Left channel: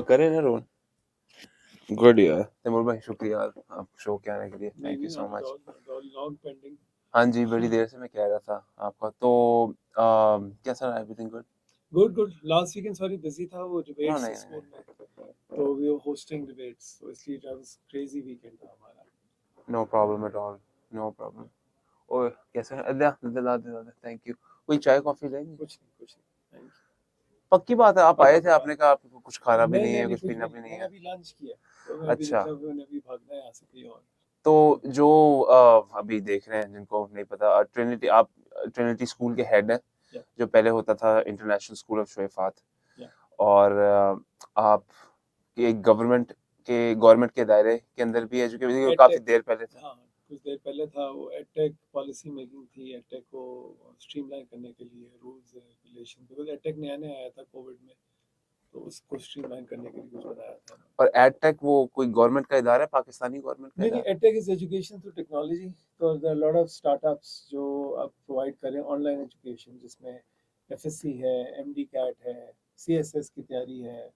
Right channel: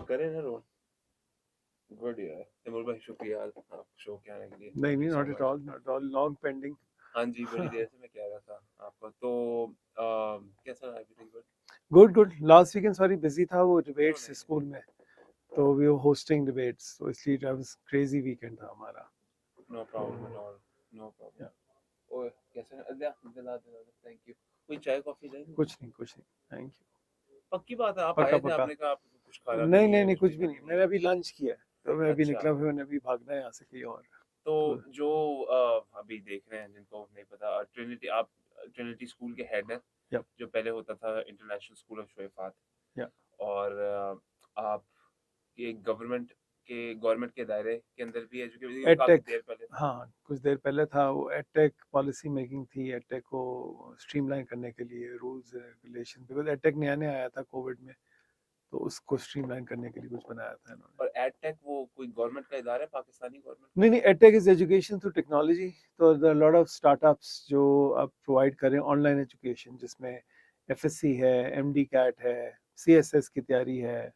और करें ना रोल। गुड यार तैमूर भाई, शुक्रिया यार आप शो के आने के लिए, नहीं थैंक यू नहीं, so not at much. All, not all, long pending. हाँ जी, बड़ी देर से मैं कह रहा था आपका तो कैसा रहा, everything good? Good good. Last weekend sorry busy था, वो नो डिबेट्स नहीं स्कूल में, नहीं, तो वी वर होस्टिंग डिबेट्स, तो इसलिए that was क्रेजी वीकेंड था हमारा। No problem at all, no problem. ओए कैसे हैं? Allah Allah Allah, thank you. कोई चाय कॉफी लेंगे? कुछ नहीं, थैंक यू। पक्की बात है, आप पक्का आए थे, पक्का। आपने कहा आपको कुछ खाना भी नहीं नहीं नहीं है, नहीं, कुछ कुछ भी पीना नहीं, भी नहीं मैंने है। अभी लंच किया है, तो मैं अभी अच्छा, निकला हुआ, मैंने अभी भागना है यहाँ से कहीं और। तो जो अभी देख रहे हैं जिनको नहीं पता, ट्रिनिटी, आप ट्रिनिटी स्कूल के हेड हैं, यप जो पहले होता था इंटरनेशनल स्कूल ऑफ शोएफात। यप। और आप एक गवर्नमेंट के दायरे के अंदर भी एजुकेशन काफी एडटेक, देर पहले था। हाँ कुछ देर पहले था, वो एडटेक पॉलिसी मेकिंग थी, एडटेक को स्ट्रीमलाइन करने के लिए रूल्स रेगुलेशन, बिकॉज एडटेक नया नया आया था कोविड में, तो उसको स्ट्रीमलाइन करने के लिए कुछ बनाया था इन्होंने। और एडटेक वो कोई गवर्नमेंट का इदारा है, पाकिस्तानी गवर्नमेंट का नहीं नहीं, इदारा edtech is education through technology. तो लॉट ऑफ स्टार्टअप्स जो आप प्रोवाइड करें ऑनलाइन एजुकेशन, जिसमें एफएससी है, एमडी कैट है, सीएसएस की तैयारी है,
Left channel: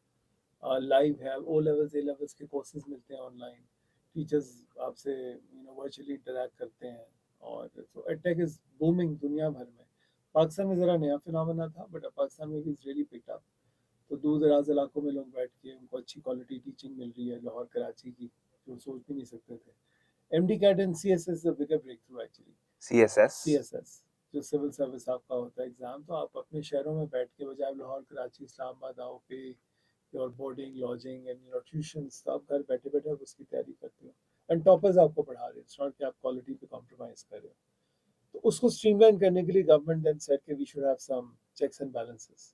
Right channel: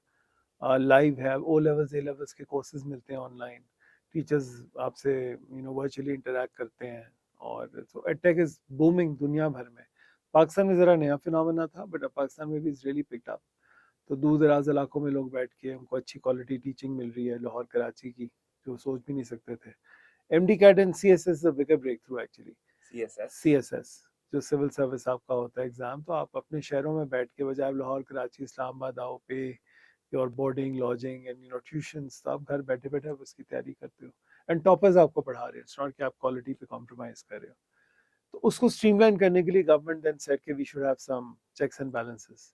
लाइव है, ओ लेवल्स ए लेवल्स के कोर्सेज मिलते हैं ऑनलाइन, टीचर्स आपसे वर्चुअली इंटरेक्ट करते हैं। और तो एडटेक इज बूमिंग दुनिया भर में। पाकिस्तान में ज़रा नया फिनोमेना था, बट पाकिस्तान में भी इज रियली पिक्ड अप। तो दूर दराज इलाकों में लोग बैठ के उनको अच्छी क्वालिटी टीचिंग मिल रही है, लाहौर कराची की, जो सोच भी नहीं सकते थे। MD CAT and CSS is a bigger breakthrough actually. CSS. CSS जो सिविल सर्विस आपका होता है एग्जाम, तो आप अपने शहरों में बैठ के, बजाय लाहौर कराची इस्लामाबाद आओ, पे your boarding lodging and tuitions, तो आप घर बैठे बैठे आप उसकी तैयारी करते हो, एंड टॉपर्स आपको पढ़ा रहे हैं, इट्स नॉट कि आप क्वालिटी पे कॉम्प्रोमाइज कर रहे हो। तो उसको स्ट्रीमलाइन करने के लिए गवर्नमेंट देन सेड कि we should have some checks and balances.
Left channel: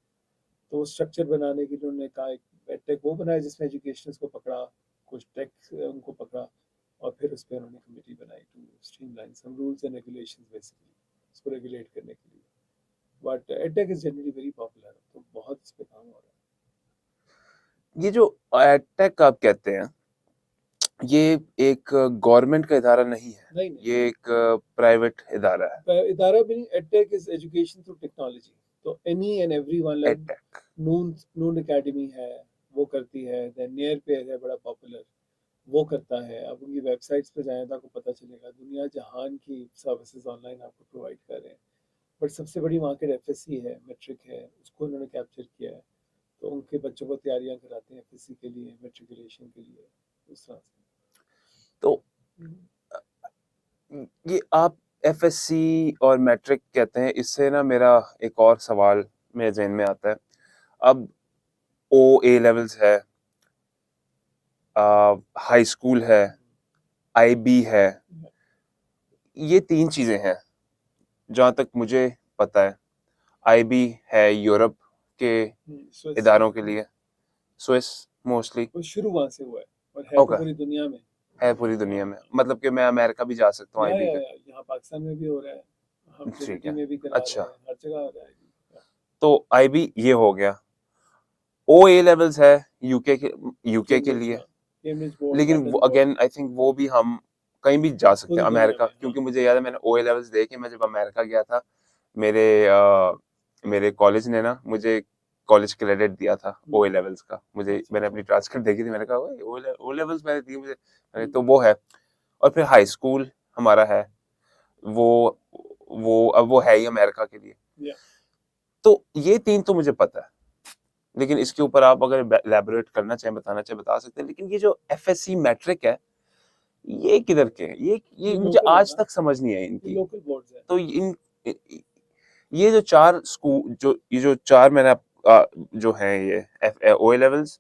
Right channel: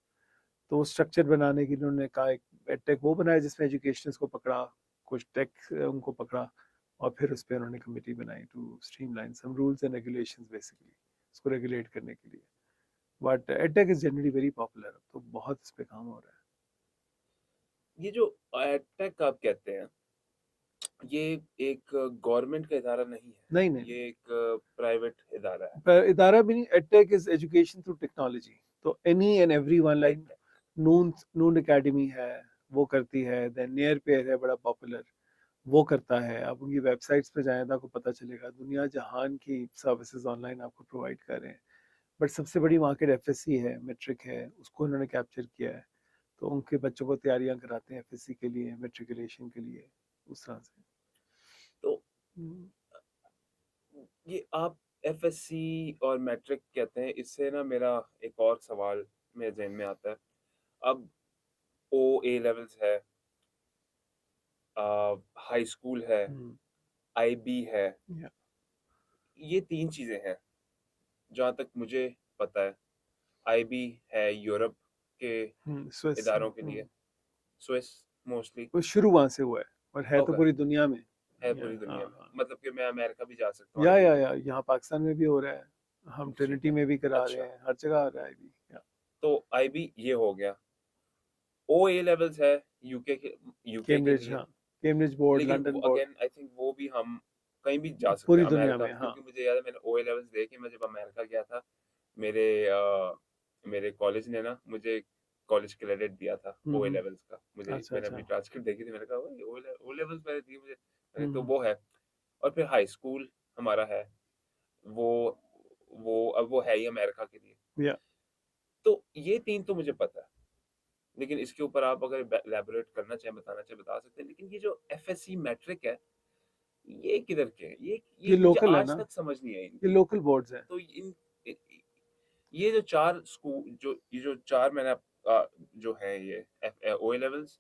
तो वो स्ट्रक्चर बनाने की उन्होंने कहा, एक टेक वो बनाया जिसमें एजुकेशनिस्ट को पकड़ा, कुछ टेक उनको पकड़ा, और फिर उस पर उन्होंने कमेटी बनाई to streamline some rules and regulations, basically इसको रेगुलेट करने के लिए। But edtech is generally very popular, तो बहुत इस पे काम हो रहा है। ये जो एडटेक आप कहते हैं, ये एक गवर्नमेंट का इदारा नहीं है, नहीं नहीं ये एक प्राइवेट इदारा है। नहीं, इदारा भी नहीं, edtech is education through technology. तो any and every one, like edtech. Noon Noon Academy है, वो करती है, देन नियर पे है बड़ा पॉपुलर, वो करता है। आप उनकी वेबसाइट्स पे जाएं तो आपको पता चलेगा, दुनिया जहान की सर्विसेज ऑनलाइन आपको प्रोवाइड कर रहे हैं। बट सबसे बड़ी मार्केट एफएससी है, मेट्रिक है, उसको इन्होंने कैप्चर किया है। तो उनके बच्चों को तैयारियां कराते हैं एफएससी के लिए, मेट्रिकुलेशन के लिए, उस तरह से। तो ये आप एफएससी और मैट्रिक कहते हैं, इससे ना मेरा एक और सवाल मेरे ज़हन में आता है। अब ओ ए लेवल्स है, हाई स्कूल है, आईबी है, ये 3 चीज़ें हैं जहाँ तक मुझे पता है। आईबी है यूरोप के स्विस, इदारों के लिए, स्विस मोस्टली। वो शुरू वहां से हुआ है, पर है तो ओके, पूरी दुनिया में। है या पूरी दुनिया में, हाँ, मतलब कि मैं अमेरिका भी जा सकता हूँ आईबी के। या यहाँ पाकिस्तान में भी हो रहा है, हम ठीक ट्रिनिटी है, में भी करा रहे अच्छा, हैं, हर जगह हो रहा है अभी। तो आईबी ये हो गया। ओ ए लेवल्स है यूके के कैम्ब्रिज, लिए, हाँ, कैम्ब्रिज बोर्ड, लेकिन वो London board, again I think वो भी हम कहीं भी जा सकते पूरी हैं दुनिया अमेरिका, में, हाँ। क्योंकि मुझे याद है मैंने ओ ए लेवल्स देखे, मैं जब अमेरिका गया था, मेरे मेरे कॉलेज ने ना मुझे कॉलेज क्रेडिट दिया था ओ ए लेवल्स का। मुझे अच्छा मैंने अपनी अच्छा। ट्रांसक्रिप्ट देखी थी, मैंने कहा ओ लेवल्स मैंने दी मुझे। तो हम्म, वो है। और फिर हाई स्कूल हमारा है, वो अब वो है ही अमेरिका के लिए। या तो ये 3 तो मुझे पता है, लेकिन इसके ऊपर आप अगर इलैबोरेट करना चाहें, बताना चाहें, बता सकते हैं। लेकिन ये जो एफएससी मैट्रिक है, ये किधर के हैं? ये ये मुझे लोकल है आज ना, तक समझ नहीं आई ये इनकी। लोकल बोर्ड्स हैं। तो ये जो 4 स्कूल, जो 4 मैंने जो हैं, ये O A levels,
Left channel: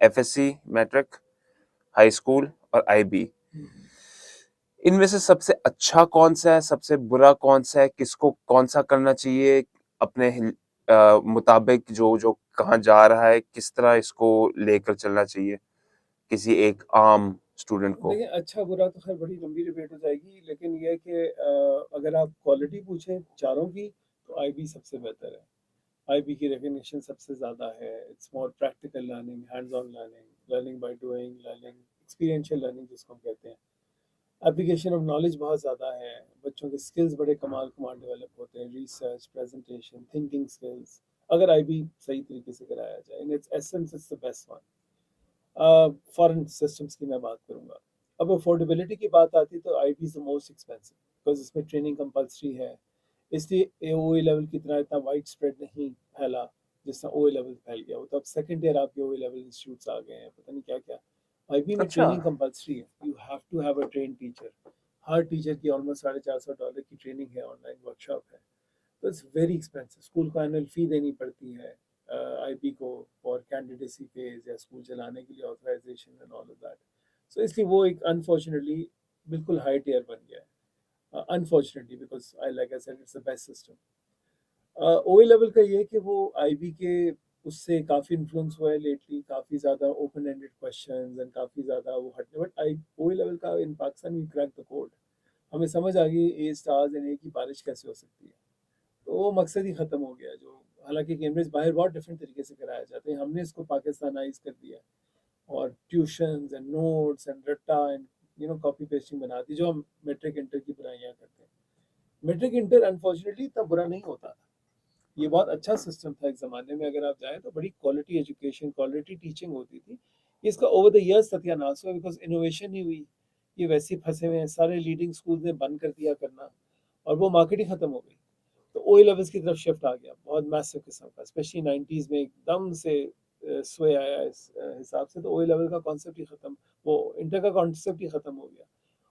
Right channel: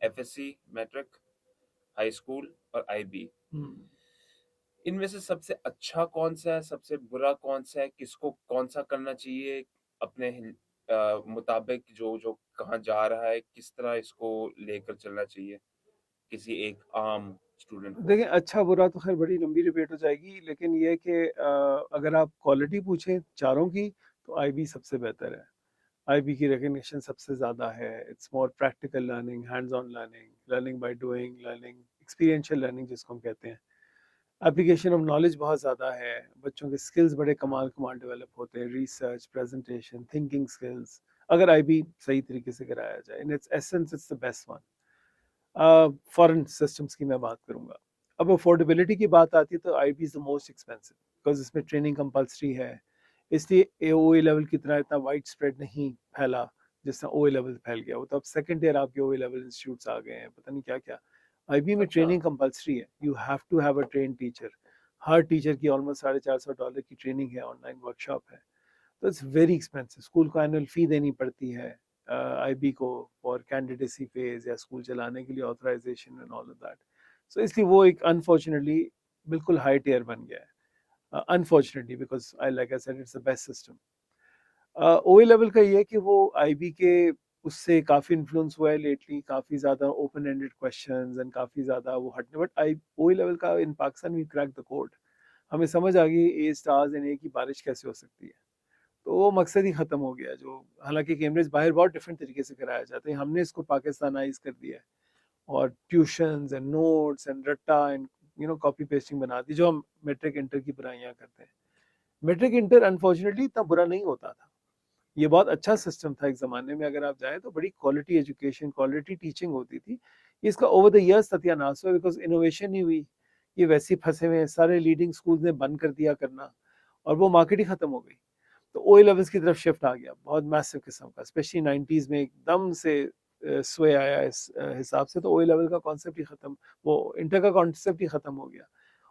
FSC, matric, high school और आईबी, हम्म। इनमें से सबसे अच्छा कौन सा है, सबसे बुरा कौन सा है, किसको कौन सा करना चाहिए अपने मुताबिक, जो जो कहाँ जा रहा है, किस तरह इसको लेकर चलना चाहिए किसी एक आम स्टूडेंट को? देखिए, अच्छा बुरा तो खैर बड़ी लंबी डिबेट हो जाएगी, लेकिन ये है कि अगर आप क्वालिटी पूछें चारों की, तो आईबी सबसे बेहतर है। आईबी की रिकग्निशन सबसे ज़्यादा है, it's more practical learning, hands on learning, learning by doing, learning experiential learning जिसको हम कहते हैं। एप्लीकेशन ऑफ नॉलेज बहुत ज़्यादा है, बच्चों के स्किल्स बड़े कमाल कमाल डेवलप होते हैं, रिसर्च, प्रेजेंटेशन, थिंकिंग स्किल्स, अगर आईबी सही तरीके से कराया जाए। In its essence it's the best one. Foreign systems की मैं बात करूंगा। अब अफोर्डेबिलिटी की बात आती है तो IB is the most expensive because इसमें ट्रेनिंग कंपलसरी है, इसलिए एओए लेवल की तरह इतना वाइड स्प्रेड नहीं फैला जिस तरह ओए लेवल फैल गया। वो तो अब सेकंड ईयर आपके ओए लेवल इंस्टीट्यूट्स आ गए हैं, पता नहीं क्या क्या। आईबी में अच्छा। ट्रेनिंग कंपलसरी है, you have to have a train teacher. हर टीचर की ऑलमोस्ट $450 की ट्रेनिंग है, ऑनलाइन वर्कशॉप है। That's very expensive. स्कूल को एनुअल फी देनी पड़ती है आईबी को और कैंडिडेसी फेज या स्कूल चलाने के लिए authorization and all of that. So इसलिए वो एक अनफॉर्चुनेटली बिल्कुल हाई टियर बन गया है, unfortunately, because I like I said it's the best system. ओए लेवल का ये है कि वो आईबी के उससे काफ़ी इन्फ्लुएंस हुआ है लेटली, काफ़ी ज़्यादा ओपन एंडेड क्वेश्चंस एंड काफ़ी ज़्यादा वो हटने, बट आई ओए लेवल का in Pakistan we crack the code. हमें समझ आ गई ए स्टार्स एंड ए की बारिश कैसे हो सकती है, तो वो मकसद ही ख़त्म हो गया। जो हालांकि कैम्ब्रिज बाहर बहुत डिफरेंट तरीके से कराया जाता है, हमने इसको पाकिस्तानाइज कर दिया है और ट्यूशंस एंड नोट्स एंड रट्टा एंड कॉपी पेस्टिंग बना दी, जो हम मेट्रिक इंटर की बुराइयाँ करते हैं। मेट्रिक इंटर अनफॉर्चुनेटली इतना बुरा नहीं होता था, ये बहुत अच्छा सिस्टम था एक ज़माने में। अगर आप जाए तो बड़ी क्वालिटी एजुकेशन, क्वालिटी टीचिंग होती थी। इसका ओवर द ईयर्स सत्यानाश हुआ बिकॉज इनोवेशन नहीं हुई, ये वैसे ही फंसे हुए हैं, सारे लीडिंग स्कूल ने बंद कर दिया करना और वो मार्केट ही ख़त्म हो गई। तो ओए लेवल्स की तरफ शिफ्ट आ गया बहुत मैसिव किस्म का, स्पेशली 90s में एकदम से स्वे आया इस हिसाब से। तो ओए लेवल का कॉन्सेप्ट ही ख़त्म, वो इंटर का कॉन्सेप्ट ही ख़त्म हो गया।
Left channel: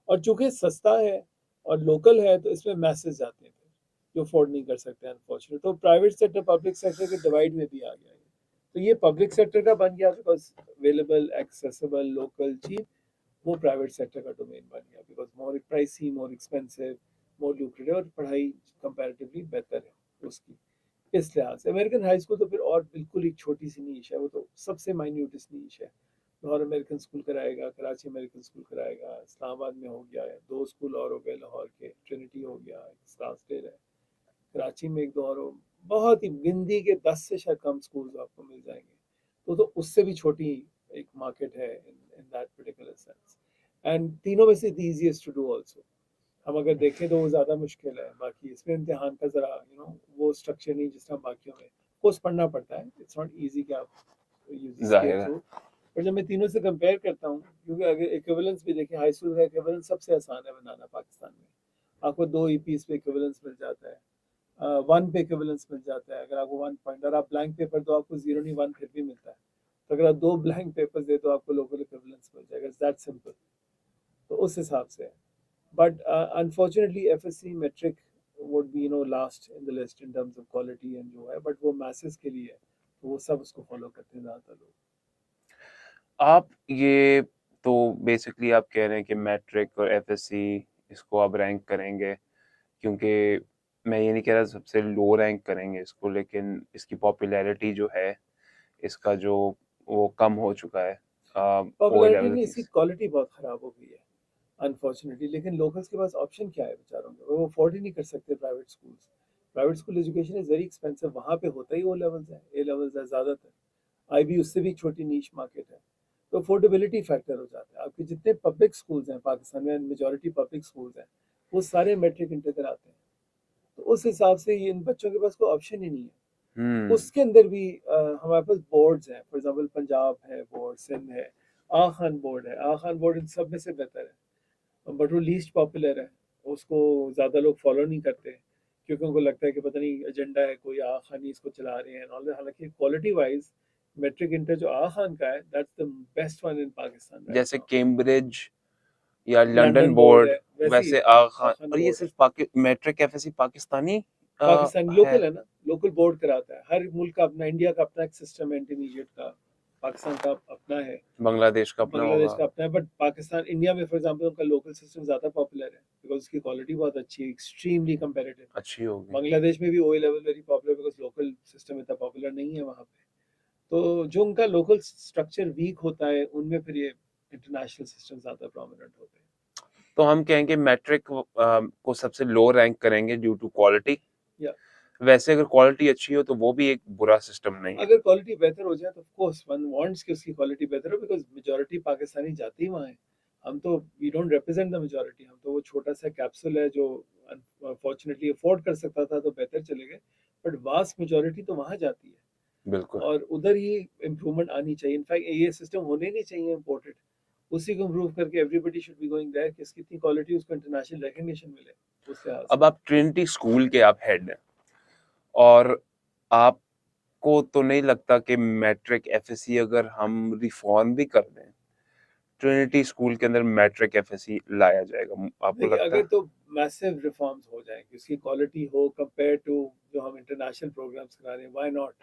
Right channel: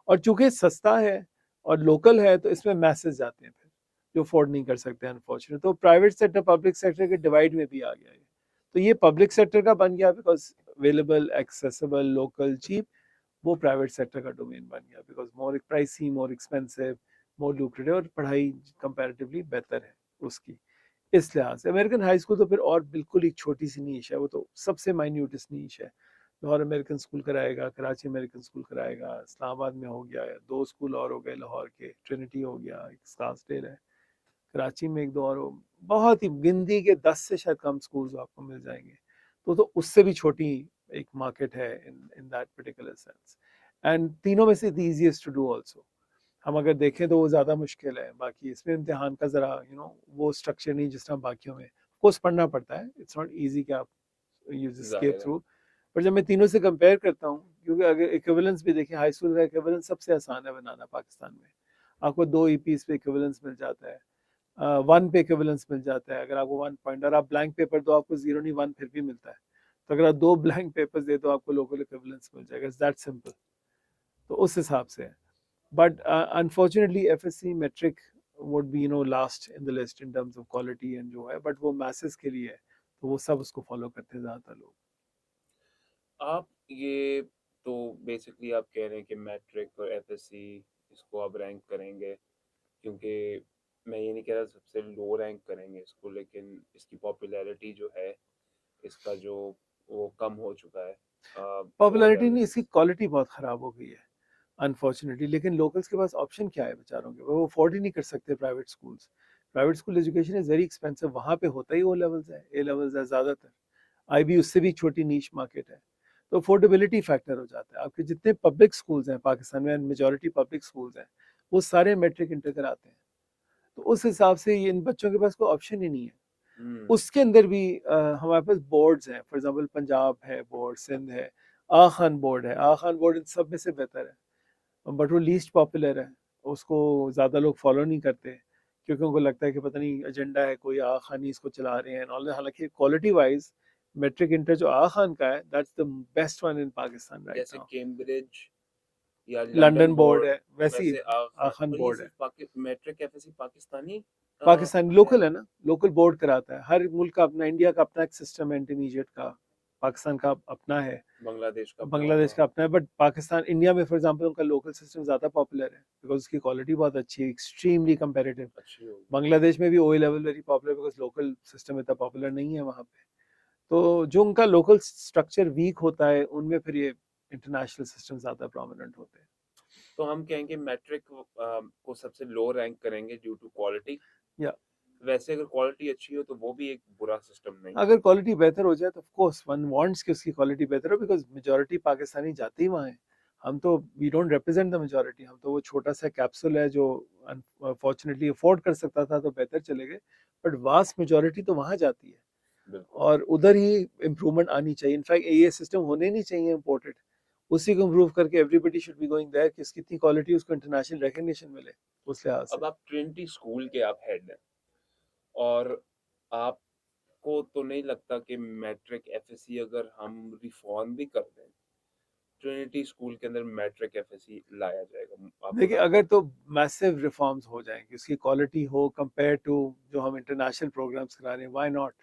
और चूंकि सस्ता है और लोकल है तो इसमें मैसेज जाते हैं फिर जो अफोर्ड नहीं कर सकते अनफॉर्चुनेट। तो प्राइवेट सेक्टर पब्लिक सेक्टर के डिवाइड में भी आ गया है। तो ये पब्लिक सेक्टर का बन गया because available, accessible, local, cheap. वो प्राइवेट सेक्टर का डोमेन बन गया because more pricey, more expensive, more lucrative, और पढ़ाई कंपैरेटिवली बेहतर है उसकी। इस लिहाज से अमेरिकन हाई स्कूल तो फिर और बिल्कुल एक छोटी सी नीश है, वो तो सबसे माइन्यूटेस्ट नीश है। लाहौर अमेरिकन स्कूल कराएगा, कराची अमेरिकन स्कूल कराएगा, इस्लामाबाद में हो गया, 2 स्कूल और हो गए लाहौर के, ट्रिनिटी हो गया, एक स्कार्सडेल है, कराची में एक दो और हो, बहुत ही गिनती के 10 से शायद कम स्कूल्स आपको मिल जाएंगे। तो उससे भी छोटी एक मार्केट है in that particular sense. And तीनों में से the easiest to do also. हम अगर देखें तो वो ज़्यादा मुश्किल है, बाकी इसमें इम्तिहान का ज़रा वो स्ट्रक्चर नहीं जिस तरह बाकियों में। कोर्स पढ़ना पड़ता है, इट्स नॉट इजी कि आप यू जस्ट स्केप ज़ाहिर है। थ्रू। पर जब मैं तीनों से कंपेयर करता हूँ, क्योंकि अगर इक्विवेलेंस भी देखें, हाई स्कूल का इक्विवेलेंस सबसे आसान है बनाना पाकिस्तान में। आपको 2 ईपीस पे इक्विवेलेंस मिल जाता है, 1 पे इक्विवेलेंस मिल जाता है। अगर आपको 1 पॉइंट और आप ब्लैंक पेपर दो, आपको 0 नहीं 1 फिर भी मिलता है। तो अगर आप 2 ब्लैंक पेपर्स दे दो, आपको लोकल इक्विवेलेंस मिल जाएगा। It's that simple. तो उस हिसाब से है। But unfortunately, FSC metric would be last in the list in terms of quality and जो है, but वो masses के लिए है, तो वो सब उसको follow करते हैं ज़्यादातर लोग। आप ये तो बेसिकली आप कह रहे हैं कि मैट्रिक और एफएससी इसको आप रैंक करेंगे, क्योंकि मैं ये नहीं कह रहा सबसे लो रैंक करेंगे इसको, लेकिन इसकी पॉपुलैरिटी जो है, इसका जो वो कम हो चुका है ओ पॉपुलैरिटी लेवल नहीं, इसकी क्वालिटी बहुत ख़राब हो गई है अनफॉर्चुनेटली। लेकिन लोकल्स के पास ऑप्शन क्या है बेचारों के, वो अफोर्ड ही नहीं कर सकते private schools. Private school education is very expensive, वहाँ पे होता ही ओ लेवल्स है, ए लेवल्स है ज़्यादातर। आईबी उससे भी छोटी नीश मार्केट है। तो अफोर्डेबिलिटी फैक्टर हो जाता है। आपके जितने पब्लिक स्कूल्स हैं पाकिस्तान में, मेजॉरिटी पब्लिक स्कूल्स हैं, वो सारे मैट्रिक इंटर कराते हैं। तो उस हिसाब से ये इन बच्चों के पास कोई ऑप्शन ही नहीं है। हुँ। उसके अंदर भी हमारे पास बोर्ड्स हैं, फॉर एग्जांपल पंजाब है बोर्ड, सिंध है, आ खान बोर्ड है। आ खान बोर्ड इन सब में से बेहतर है, बट वो लीस्ट पॉपुलर है। उसको ज़्यादा लोग फॉलो नहीं करते क्योंकि उनको लगता है कि पता नहीं एजेंडा है कोई, आ खान ही इसको चला रहे हैं। हालांकि क्वालिटी वाइज मैट्रिक इंटर जो आ खान का है, that's the best one in Pakistan right जैसे नाउ। कैम्ब्रिज या लंदन लंदन बोर्ड बोर्ड, है, वैसे ही वैसे आ आगा खान, खान और ये बोर्ड है। सिर्फ मैट्रिक एफएससी पाकिस्तानी पाकिस्तानी है। लोकल है ना, लोकल बोर्ड कराता है। हर मुल्क का अपना, इंडिया का अपना एक सिस्टम है इंटरमीडिएट का, पाकिस्तान का अपना है, बांग्लादेश का अपना बांग्लादेश होगा। का अपना है। बट पाकिस्तान, इंडिया में फॉर एग्जांपल उनका लोकल सिस्टम ज़्यादा पॉपुलर है बिकॉज उसकी क्वालिटी बहुत अच्छी है, एक्सट्रीमली कंपेरेटिव। अच्छी होगी। बांग्लादेश में भी ओए level very popular because local system इतना पॉपुलर नहीं है वहाँ पे। तो जो उनका लोकल स्ट्रक्चर वीक होता है, उनमें फिर ये इंटरनेशनल सिस्टम ज़्यादा प्रोमिनेंट होते हैं। तो हम कहेंगे मैट्रिक को सबसे लो रैंक करेंगे ड्यू टू क्वालिटी। या वैसे अगर क्वालिटी अच्छी हो तो वो भी एक बुरा सिस्टम नहीं है। अगर क्वालिटी बेहतर हो जाए तो ऑफ कोर्स वन वांट्स कि उसकी क्वालिटी बेहतर हो, बिकॉज मेजॉरिटी पाकिस्तानी जाते ही वहाँ है। हम तो we don't represent the majority, हम तो वो छोटा सा कैप्सूल है जो अनफॉर्चुनेटली अफोर्ड कर सकता था तो बेहतर चले गए, बट वास्ट मेजॉरिटी तो वहाँ जाती है। बिल्कुल। और उधर ही इम्प्रूवमेंट आनी चाहिए। इनफैक्ट ये सिस्टम होने नहीं चाहिए इम्पोर्टेड, उसी को इम्प्रूव करके everybody should be going there कि इसकी इतनी क्वालिटी उसको इंटरनेशनल रिकॉग्निशन मिले उस लिहाज से। अब आप ट्रिनिटी स्कूल के आप हेड हैं और आपको तो नहीं लगता कि मैट्रिक एफएससी अगर हम रिफॉर्म भी कर दें, ट्रिनिटी स्कूल के अंदर मैट्रिक एफएससी लाया जाएगा? आपको देखिए लगता अगर है? तो मैसिव रिफॉर्म्स हो जाएं कि उसकी क्वालिटी हो कंपेयर टू जो हम इंटरनेशनल प्रोग्राम्स करा रहे हैं, why not,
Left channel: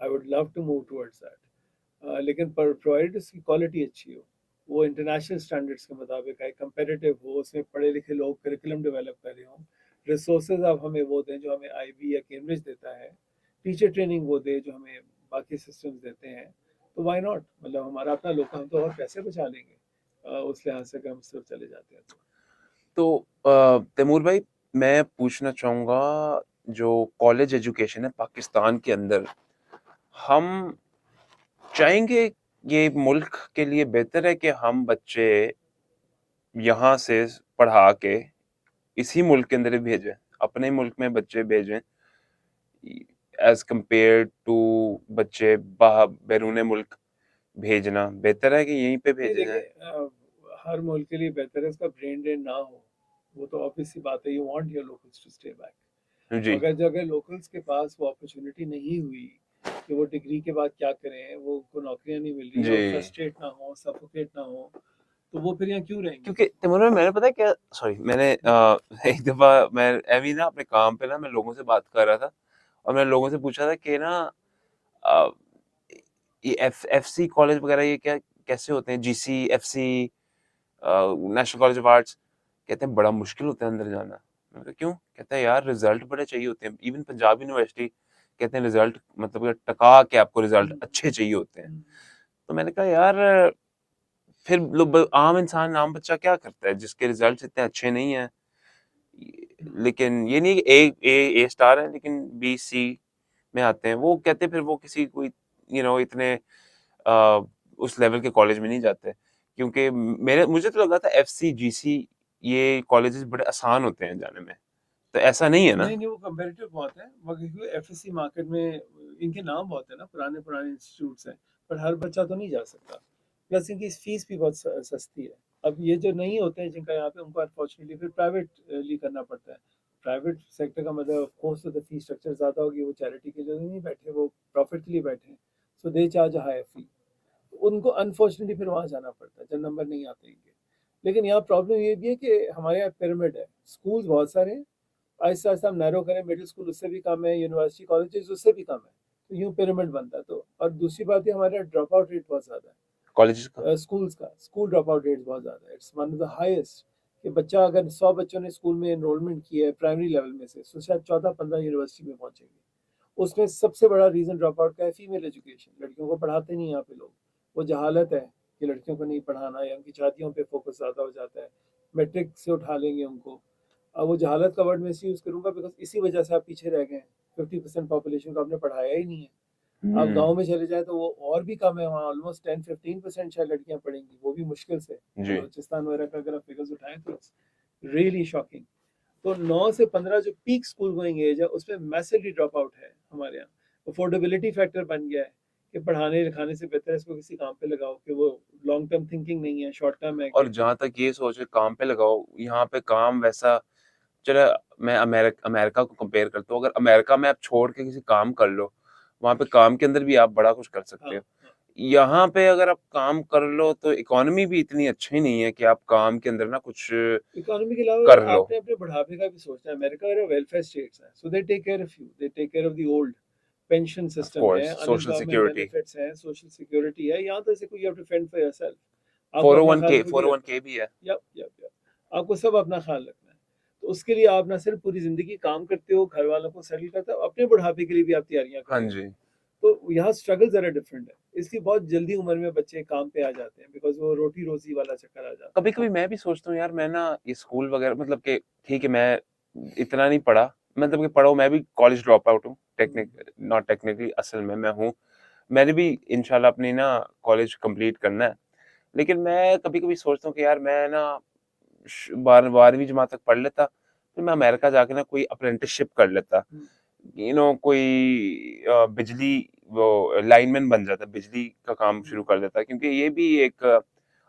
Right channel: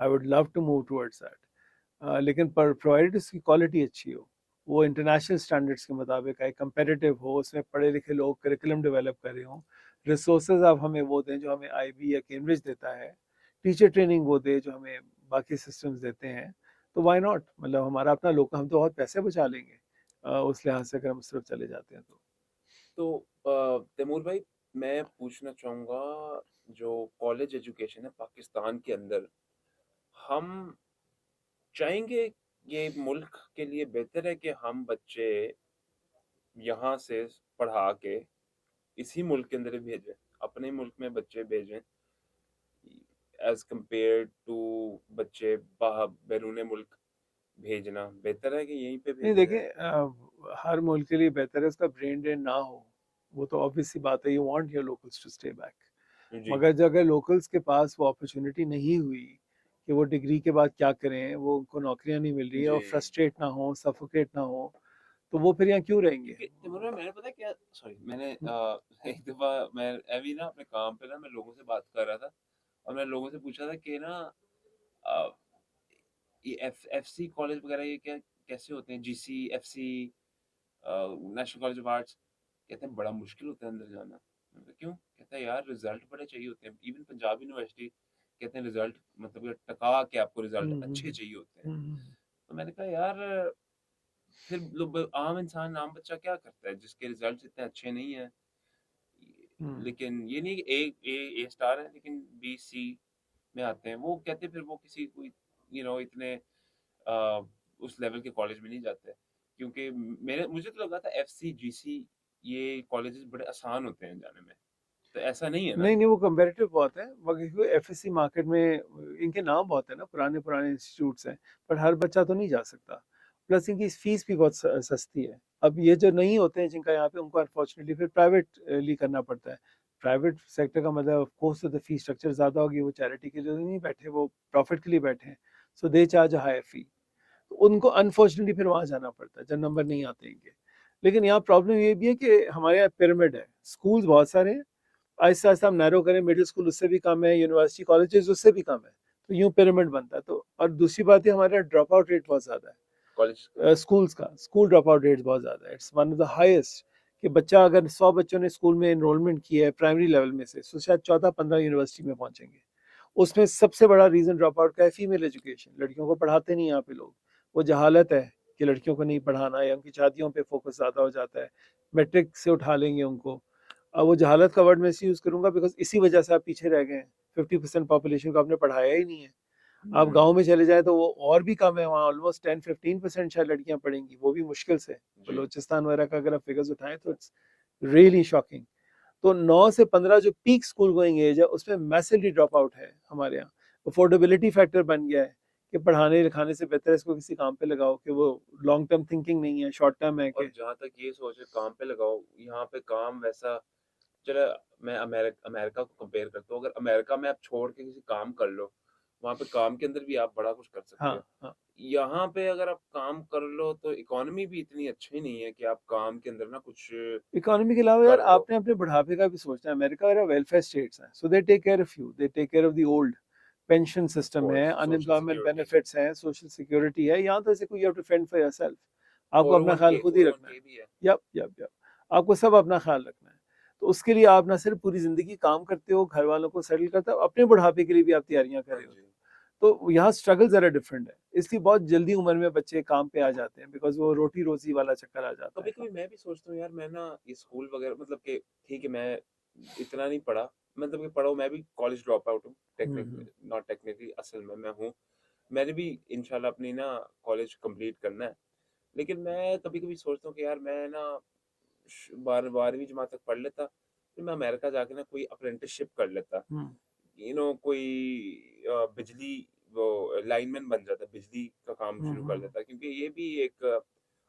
I would love to move towards that. लेकिन पर प्रोवाइडेड उसकी क्वालिटी अच्छी हो, वो इंटरनेशनल स्टैंडर्ड्स के मुताबिक है, कंपेटिटिव हो, उसमें पढ़े लिखे लोग करिकुलम डेवलप कर रहे हों, रिसोर्सेज अब हमें वो दें जो हमें आईबी या कैम्ब्रिज देता है, टीचर ट्रेनिंग वो दे जो हमें बाकी सिस्टम्स देते हैं, तो व्हाई नॉट, मतलब हमारा अपना लोग, हम तो और पैसे बचा लेंगे उस लिहाज से अगर हम सिर्फ चले जाते हैं तो। तो तैमूर भाई, मैं पूछना चाहूँगा, जो कॉलेज एजुकेशन है पाकिस्तान के अंदर, हम चाहेंगे ये मुल्क के लिए बेहतर है कि हम बच्चे यहाँ से पढ़ा के इसी मुल्क के अंदर ही भेजें, अपने मुल्क में बच्चे भेजें, एज़ कम्पेयर टू बच्चे बैरून मुल्क भेजना बेहतर है कि यहीं पे नहीं भेजे देखिए जाएँ? हर मुल्क के लिए बेहतर है उसका ब्रेन ड्रेन ना हो, वो तो ऑब्वियस सी बात है, you want your locals to stay back. जी, मगर जो अगर लोकल्स के पास वो अपॉर्चुनिटी नहीं हुई कि वो डिग्री के बाद क्या करें, वो उनको नौकरियां नहीं मिल रही है, जी। वो फ्रस्ट्रेट ना हो, सफोकेट ना हो, तो वो फिर यहाँ क्यों रहेंगे? क्योंकि तैमूर भाई, मैंने पता है क्या, सॉरी, मैंने हम्म, एक दफ़ा मैं ऐवें ही ना अपने काम पे ना मैं लोगों से बात कर रहा था और मैंने लोगों से पूछा था कि ना अ, ये एफसी कॉलेज वगैरह ये क्या कैसे होते हैं? GC, FC, national college of arts, कहते हैं बड़ा मुश्किल होता है अंदर जाना। मैंने कहा क्यों? कहता है यार रिजल्ट बड़े चाहिए होते हैं। इवन पंजाब यूनिवर्सिटी कहते हैं रिजल्ट मतलब कि टका के आपको रिजल्ट हम्म, अच्छे चाहिए होते हैं। हम्म, तो मैंने कहा यार फिर आम इंसान, आम बच्चा क्या करता है जिसके रिजल्ट इतने अच्छे नहीं हैं? हम्म, लेकिन ये नहीं कि ए स्टार है लेकिन बी, सी में आते हैं। वो कहते हैं फिर वो किसी कोई इतने अ, उस लेवल के कॉलेज में नहीं जाते। क्योंकि मेरे मुझे तो लगा था एफसी, जीसी ये कॉलेजेस बड़े आसान होते हैं जाने में। तो ऐसा नहीं है ना? नहीं नहीं वो कंपेरेटिव बहुत है, मगर क्योंकि एफएससी मार्केट में इनके नाम बहुत है ना, पुराने पुराने इंस्टीट्यूट्स हैं, पर हर बच्चा तो नहीं जा सकता, प्लस इनकी फीस भी बहुत सस्ती है। अब ये जो नहीं होते हैं जिनका यहाँ पे, उनको अनफॉर्चुनेटली फिर प्राइवेटली करना पड़ता है। प्राइवेट सेक्टर का मतलब ऑफ कोर्स तो फीस स्ट्रक्चर ज्यादा होगी, वो चैरिटी के लिए तो नहीं बैठे, वो प्रॉफिट के लिए बैठे हैं, सो दे चार्ज अ हायर फी, तो उनको अनफॉर्चुनेटली फिर वहां जाना पड़ता है जब नंबर नहीं आते इनके। लेकिन यहाँ प्रॉब्लम ये भी है कि हमारे यहाँ पिरामिड है, स्कूल्स बहुत सारे हैं, आहिस्ता आहिस्ता हम नैरो करें, मिडिल स्कूल उससे भी कम है, यूनिवर्सिटी कॉलेजेस उससे भी कम है, तो यूं पिरामिड बनता है। तो और दूसरी बात है हमारे ड्रॉप आउट रेट बहुत ज्यादा कॉलेजेस का? है, स्कूल्स का स्कूल ड्रॉप आउट रेट बहुत ज्यादा है, it's one of the highest. कि बच्चा अगर 100 बच्चों ने स्कूल में एनरोलमेंट किया है प्राइमरी लेवल में से, तो शायद 14-15 यूनिवर्सिटी में पहुंचेंगे। उसमें सबसे बड़ा रीजन ड्रॉप आउट का है फीमेल एजुकेशन, लड़कियों को पढ़ाते नहीं यहाँ पे लोग, वो जहालत है कि लड़कियों को नहीं पढ़ाना, या उनकी शादियों पे फोकस ज्यादा हो जाता है, मैट्रिक से उठा लेंगे उनको। अब वो जहालत का वर्ड मैं इसी यूज करूंगा बिकॉज इसी वजह से आप पीछे रह गए हैं, 50% पॉपुलेशन को आपने पढ़ाया ही नहीं है। आप हुँ, गांव में चले जाए तो वो और भी कम है, वहाँ ऑलमोस्ट 10-15% शायद लड़कियां पढ़ेंगी, वो भी मुश्किल से। जी। बलूचिस्तान वगैरह का अगर आप फिगर्स उठाएं तो इट्स रियली शॉकिंग। तो 9 से 15 जो पीक स्कूल गोइंग एज है उसमें मैसिवली ड्रॉप आउट है हमारे यहाँ। अफोर्डेबिलिटी फैक्टर बन गया है कि पढ़ाने लिखाने से बेहतर है इसको किसी काम पे लगाओ, कि वो लॉन्ग टर्म थिंकिंग नहीं है, शॉर्ट टर्म है और कि। जहाँ तक ये सोच काम पे लगाओ, यहाँ पे काम वैसा चलो, मैं अमेरिका को कंपेयर करता हूँ। अगर अमेरिका में आप छोड़ के किसी काम कर लो, वहाँ पे काम के अंदर भी आप बड़ा कुछ कर सकते हाँ हो। हाँ, यहाँ पे अगर आप काम कर लो तो इकोनॉमी भी इतनी अच्छी नहीं है कि आप काम के अंदर ना कुछ इकोनॉमी के अलावा कर लो। आपने अपने बुढ़ापे का भी सोचना है। अमेरिका मेरा वेलफेयर स्टेट्स है, so they take care of you, they take care of the old, pension of system है, course social unemployment security, benefits हैं, सोशल सिक्योरिटी है। यहाँ तो ऐसे कोई, you have to fend for yourself, आपको अपना ख्याल 401k खुद ही रखना 401k है। भी है। यप यप यप, आपको सब अपना ख्याल रखना है। तो उसके लिए आप ना सिर्फ पूरी जिंदगी काम करते हो, घर वालों को सेटल करते हो, अपने बुढ़ापे के लिए भी आप तैयारियां कर हाँ रहे हो। जी। तो यहाँ स्ट्रगल जरा डिफरेंट है, इसलिए बहुत जल्दी उम्र में बच्चे काम पे आ जाते हैं, बिकॉज वो रोटी रोजी वाला चक्कर आ जाता है। कभी-कभी मैं भी सोचता हूँ यार, मैं ना ये स्कूल वगैरह मतलब कि ठीक है, मैं इतना नहीं पढ़ा, मतलब कि पढ़ा हूँ, मैं भी कॉलेज ड्रॉप आउट हूँ, हम्म, नॉट टेक्निकली असल में मैं हूँ। मैंने भी इंशाल्लाह अपनी ना कॉलेज कंप्लीट करना है। लेकिन मैं कभी-कभी सोचता हूँ कि यार मैं ना 12वीं जमात तक पढ़ लेता, फिर मैं अमेरिका जाके ना कोई अप्रेंटिसशिप कर लेता। हम्म, कोई बिजली वो लाइनमैन बन जाता है, बिजली का काम शुरू कर हम्म। देता है, क्योंकि ये भी एक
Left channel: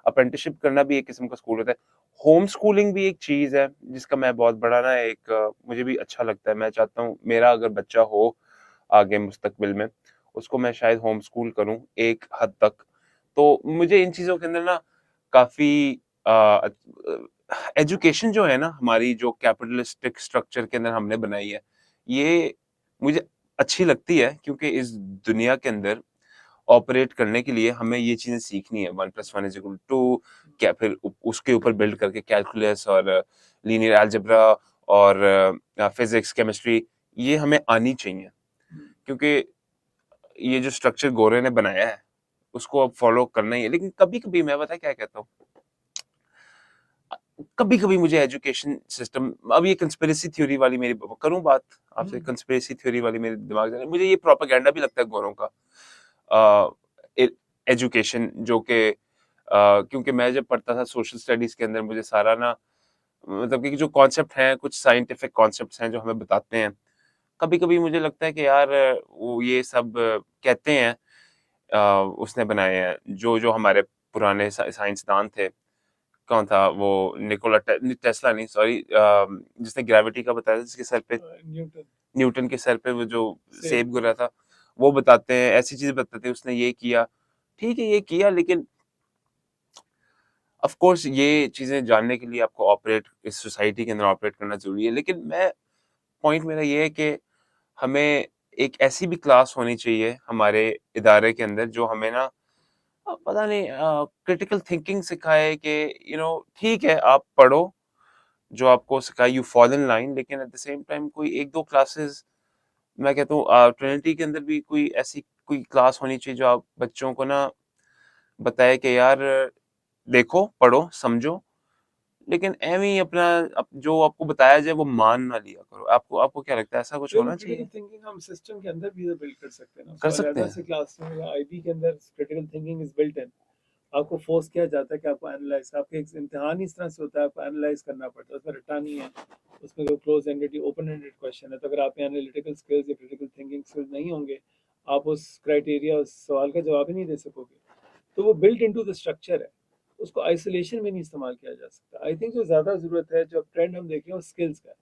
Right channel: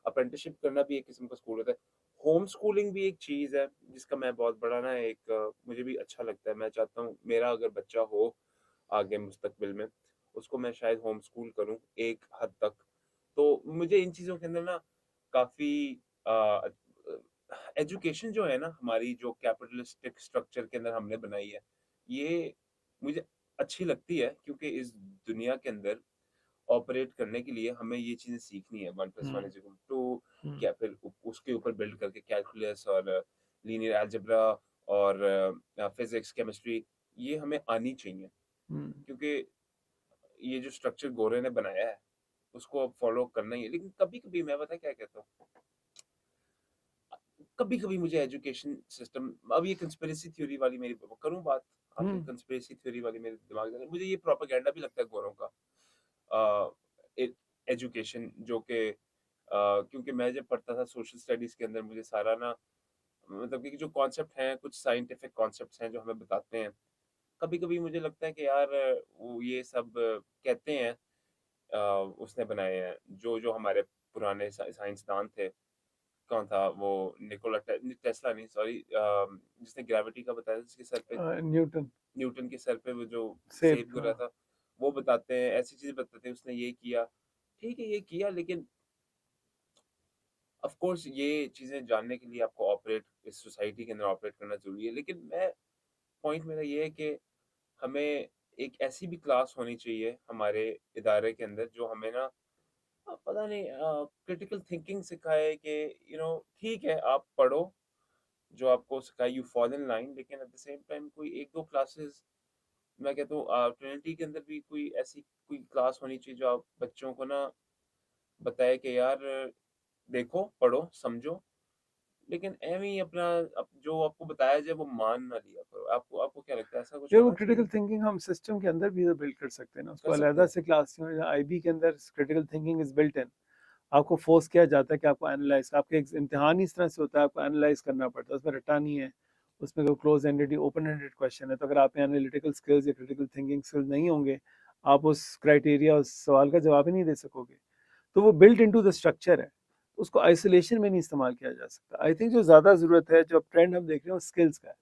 अप्रेंटिसशिप करना भी एक किस्म का स्कूल होता है। होम स्कूलिंग भी एक चीज़ है जिसका मैं बहुत बड़ा ना एक मुझे भी अच्छा लगता है। मैं चाहता हूँ मेरा अगर बच्चा हो आगे मुस्तकबिल में, उसको मैं शायद होम स्कूल करूँ एक हद तक। तो मुझे इन चीज़ों के अंदर ना काफ़ी एजुकेशन जो है ना हमारी, जो कैपिटलिस्टिक स्ट्रक्चर के अंदर हमने बनाई है, ये मुझे अच्छी लगती है, क्योंकि इस दुनिया के अंदर ऑपरेट करने के लिए हमें ये चीज़ें सीखनी है, 1 + 1 हम्म। इज़ इक्वल टू, हम्म। क्या फिर उ उसके ऊपर बिल्ड करके कैलकुलस और लीनियर अलजेब्रा और फिज़िक्स, केमिस्ट्री, ये हमें आनी चाहिए। हम्म। क्योंकि ये जो स्ट्रक्चर गोरे ने बनाया है, उसको अब फ़ॉलो करना ही है। लेकिन कभी-कभी मैं पता है क्या कहता हूँ? कभी-कभी मुझे एजुकेशन सिस्टम, अब ये कंस्पिरेसी थ्योरी वाली मेरी करूँ बात आपसे, हम्म। कंस्पिरेसी थ्योरी वाली मेरे दिमाग में मुझे ये प्रोपेगेंडा भी लगता है गोरों का। अ, ए एजुकेशन जो कि क्योंकि मैं जब पढ़ता था सोशल स्टडीज़ के अंदर, मुझे सारा ना मतलब कि जो कॉन्सेप्ट हैं, कुछ साइंटिफिक कॉन्सेप्ट्स हैं जो हमें बताते हैं। कभी-कभी मुझे लगता है कि यार वो ये सब कहते हैं उसने बनाए हैं, जो हमारे पुराने साइंसदान थे। कौन था वो, निकोला टेस्ला नहीं, सॉरी, जिसने ग्रेविटी का बताया था, जिसके सर पे न्यूटन। न्यूटन के सर पे वो जो सेब। सेब गिरा हाँ। था, वो बताते हैं, ऐसी चीज़ें बताते हैं, उसने ये किया। ठीक है, ये किया, लेकिन ऑफ़ कोर्स ये चीज़ें जानने के लिए आपको इस सोसाइटी के अंदर ऑपरेट करना ज़रूरी है। लेकिन पॉइंट मेरा ये है कि हमें एक ऐसी भी क्लास होनी चाहिए हमारे इदारे के अंदर, जो हमें ना पता नहीं क्रिटिकल थिंकिंग सिखाए कि ठीक है, आप पढ़ो, जो आपको सिखाए, यू फॉल इन लाइन, लेकिन एट द सेम टाइम कोई 1-2 क्लासेस, मैं कहता हूँ ट्रिनिटी के अंदर भी कोई ऐसी कोई क्लास होनी चाहिए जो आप बच्चों को ना बताए कि यार देखो, पढ़ो, समझो, लेकिन ऐवें ही अपना जो आपको बताया जाए वो मान ना लिया करो। आपको आपको क्या लगता है, ऐसा कुछ देखो होना क्रिटिकल चाहिए? थिंकिंग हम सिस्टम के अंदर भी बिल्ड कर सकते हैं ना, कर उसको सकते अलहदा हैं? से क्लास में या आईबी के अंदर critical thinking is built in. आपको फोर्स किया जाता है कि आपको एनालाइज, आपके एक इम्तिहान इस तरह से होता है, आपको एनालाइज करना पड़ता है, उसमें रट्टा नहीं है, उसमें कोई close ended open ended question है। तो अगर आप में एनालिटिकल स्किल्स या क्रिटिकल थिंकिंग स्किल्स नहीं होंगे, आप उस क्राइटेरिया, उस सवाल का जवाब ही नहीं दे सकोगे। तो वो बिल्ट इनटू द स्ट्रक्चर है, उसको आइसोलेशन में नहीं इस्तेमाल किया जा सकता। आई थिंक जो ज़्यादा ज़रूरत है, जो ट्रेंड हम देख रहे हैं वो स्किल्स का है।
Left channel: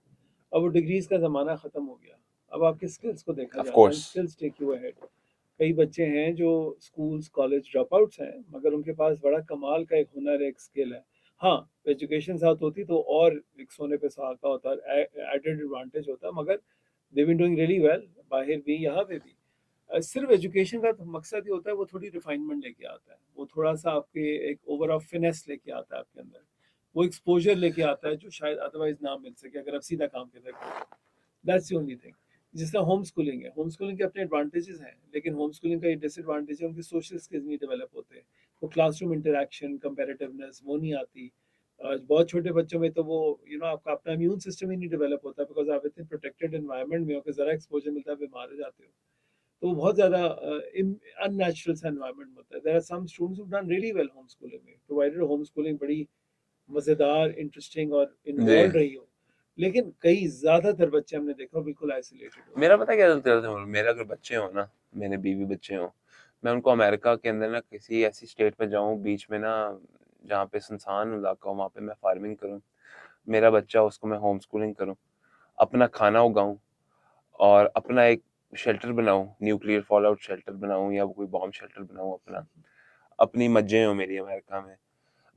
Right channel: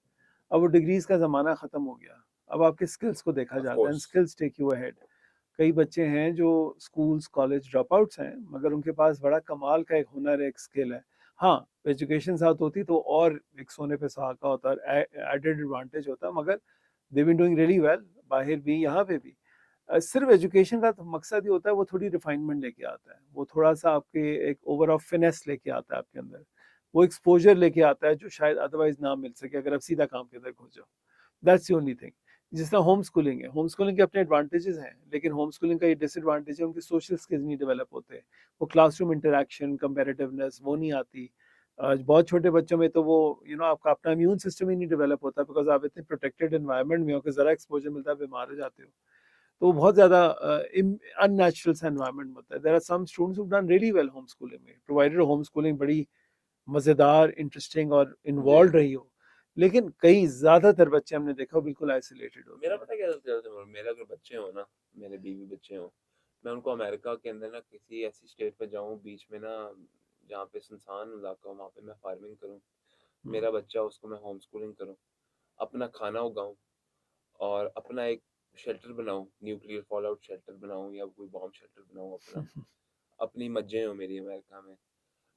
अब वो डिग्रीज का ज़माना ख़त्म हो गया, अब आपके स्किल्स को देखा ऑफ़ जाता है, course. Skills take you ahead. कई बच्चे हैं जो स्कूल्स कॉलेज ड्रॉप आउट्स हैं, मगर उनके पास बड़ा कमाल का एक हुनर है, एक स्किल है। हाँ, एजुकेशन साथ होती तो और एक सोने पे सुहागा होता, एडेड एडवांटेज होता, मगर they been doing really well, बाहर भी यहाँ पे भी। सिर्फ एजुकेशन का तो मकसद ही होता है, वो थोड़ी रिफाइनमेंट लेके आता है, वो थोड़ा सा आपके एक ओवर ऑफ फिनेस लेके आता है आपके अंदर, वो एक्सपोजर लेके आता है जो शायद अदरवाइज ना मिल सके अगर आप सीधा काम के अंदर घुस जाओ। That's the only thing. जिस तरह होम स्कूलिंग है, होम स्कूलिंग के अपने एडवांटेजेस हैं, लेकिन होम स्कूलिंग का ये डिसएडवांटेज है, उनके सोशल स्किल्स नहीं डेवलप होते, वो क्लासरूम इंटरेक्शन, कंपेरेटिवनेस वो नहीं आती। बहुत छोटे बच्चों में तो वो आपका अपना इम्यून सिस्टम ही नहीं डेवलप होता, बिकॉज आप इतने प्रोटेक्टेड एनवायरनमेंट में हो कि जरा एक्सपोजर मिलता है बीमार हो जाते हो। तो वो बहुत ज़्यादा अननेचुरल सा एनवायरनमेंट होता है। There are some students who done really well home schooling में, प्रोवाइडेड होम स्कूलिंग बड़ी मज़ेदार, इंटरेस्टिंग और जी। इन्वॉल्व रही हो। लेकिन कई ज़्यादातर बच्चे हमने देखा बिल्कुल आइसोलेटेड होते मेरा हैं। पता है क्या चलता है, मेरे अगर बच्चे हों ना, मेरे बीवी बच्चे हों, मैं उनको अमेरिका के अंदर ना किसी ऐसी स्टेट में जाऊँ बीच में ना, जहाँ पे सुनसान इलाका हो, वहाँ पे मैं फार्मिंग करूँ। हुँ। मेरा बच्चा हो, उसको मैं होम स्कूलिंग करूँ, अपना खाना उगाऊँ और अपना एक शेल्टर बनाऊँ, न्यूक्लियर फॉल आउट शेल्टर बनाऊँ या कोई बॉम्ब शेल्टर बनाऊँ अपना। अपनी मज्जें हों मेरी अमेरिका में।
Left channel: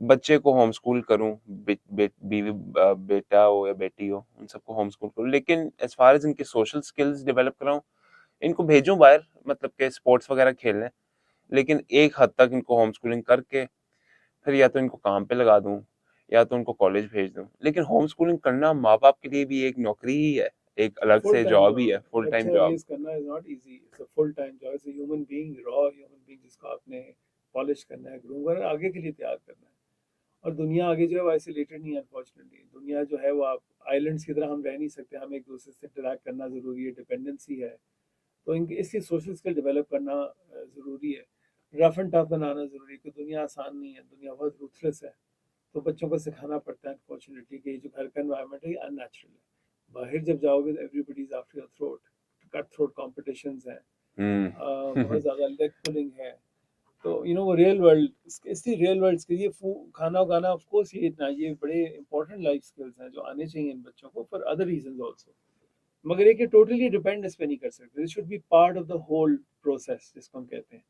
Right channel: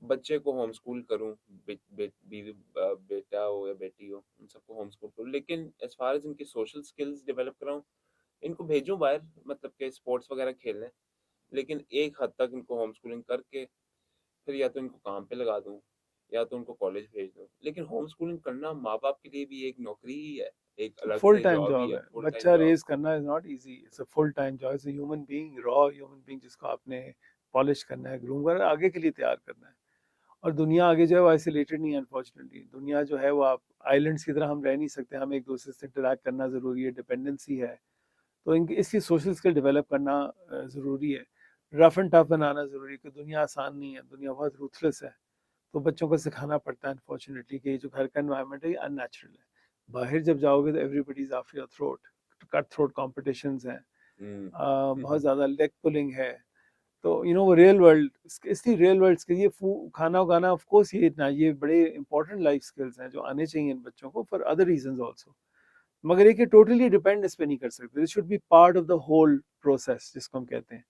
बच्चे को होम स्कूल करूँ, बे बे बीवी बेटा हो या बेटी हो, उन सबको होम स्कूल करूँ। लेकिन एज़ फार एज़ इनके सोशल स्किल्स डेवलप कराऊँ, इनको भेजूँ बाहर, मतलब के स्पोर्ट्स वगैरह खेलने, लेकिन एक हद तक इनको होम स्कूलिंग करके फिर या तो इनको काम पे लगा दूँ, या तो उनको कॉलेज भेज दूँ। लेकिन होम स्कूलिंग करना माँ-बाप के लिए भी एक नौकरी ही है, एक अलग फुल से टाइम जॉब ही जॉब है, है। फुल टाइम बच्चा जॉब। रेज़ करना is not easy, it's a full time job, it's a human being, raw human being जिसको आपने पॉलिश करना है, ग्रूम कर आगे के लिए तैयार करना है। और दुनिया आगे जो है वो आइसोलेटेड नहीं है अनफॉर्चुनेटली। दुनिया जो है वो आप आइलैंड्स की तरह हम रह नहीं सकते, हमें एक-दूसरे से इंटरैक्ट करना ज़रूरी है, डिपेंडेंसी है। तो इनकी इसलिए सोशल स्किल डेवलप करना ज़रूरी है। रफ एंड टफ बनाना ज़रूरी है कि दुनिया आसान नहीं है, दुनिया बहुत रूथलेस है। तो बच्चों को सिखाना पड़ता है अनफॉर्चुनेटली कि जो घर का एनवायरनमेंट है ये अननेचुरल है। बाहर जब जाओगे तो everybody is after your throat, cut throat competitions हैं, बहुत हम्म। ज़्यादा लेग पुलिंग है। तो वो रियल वर्ल्ड, इसकी रियल वर्ल्ड स्किल, ये खाना उगाना, ऑफ कोर्स ये बड़े इंपॉर्टेंट लाइफ स्किल्स हैं जो आने चाहिए इन बच्चों को फॉर अदर रीजंस आल्सो। मगर ये कि टोटली डिपेंड इस पे नहीं कर सकते, this should be part of the whole process जिसको हम कहते हैं।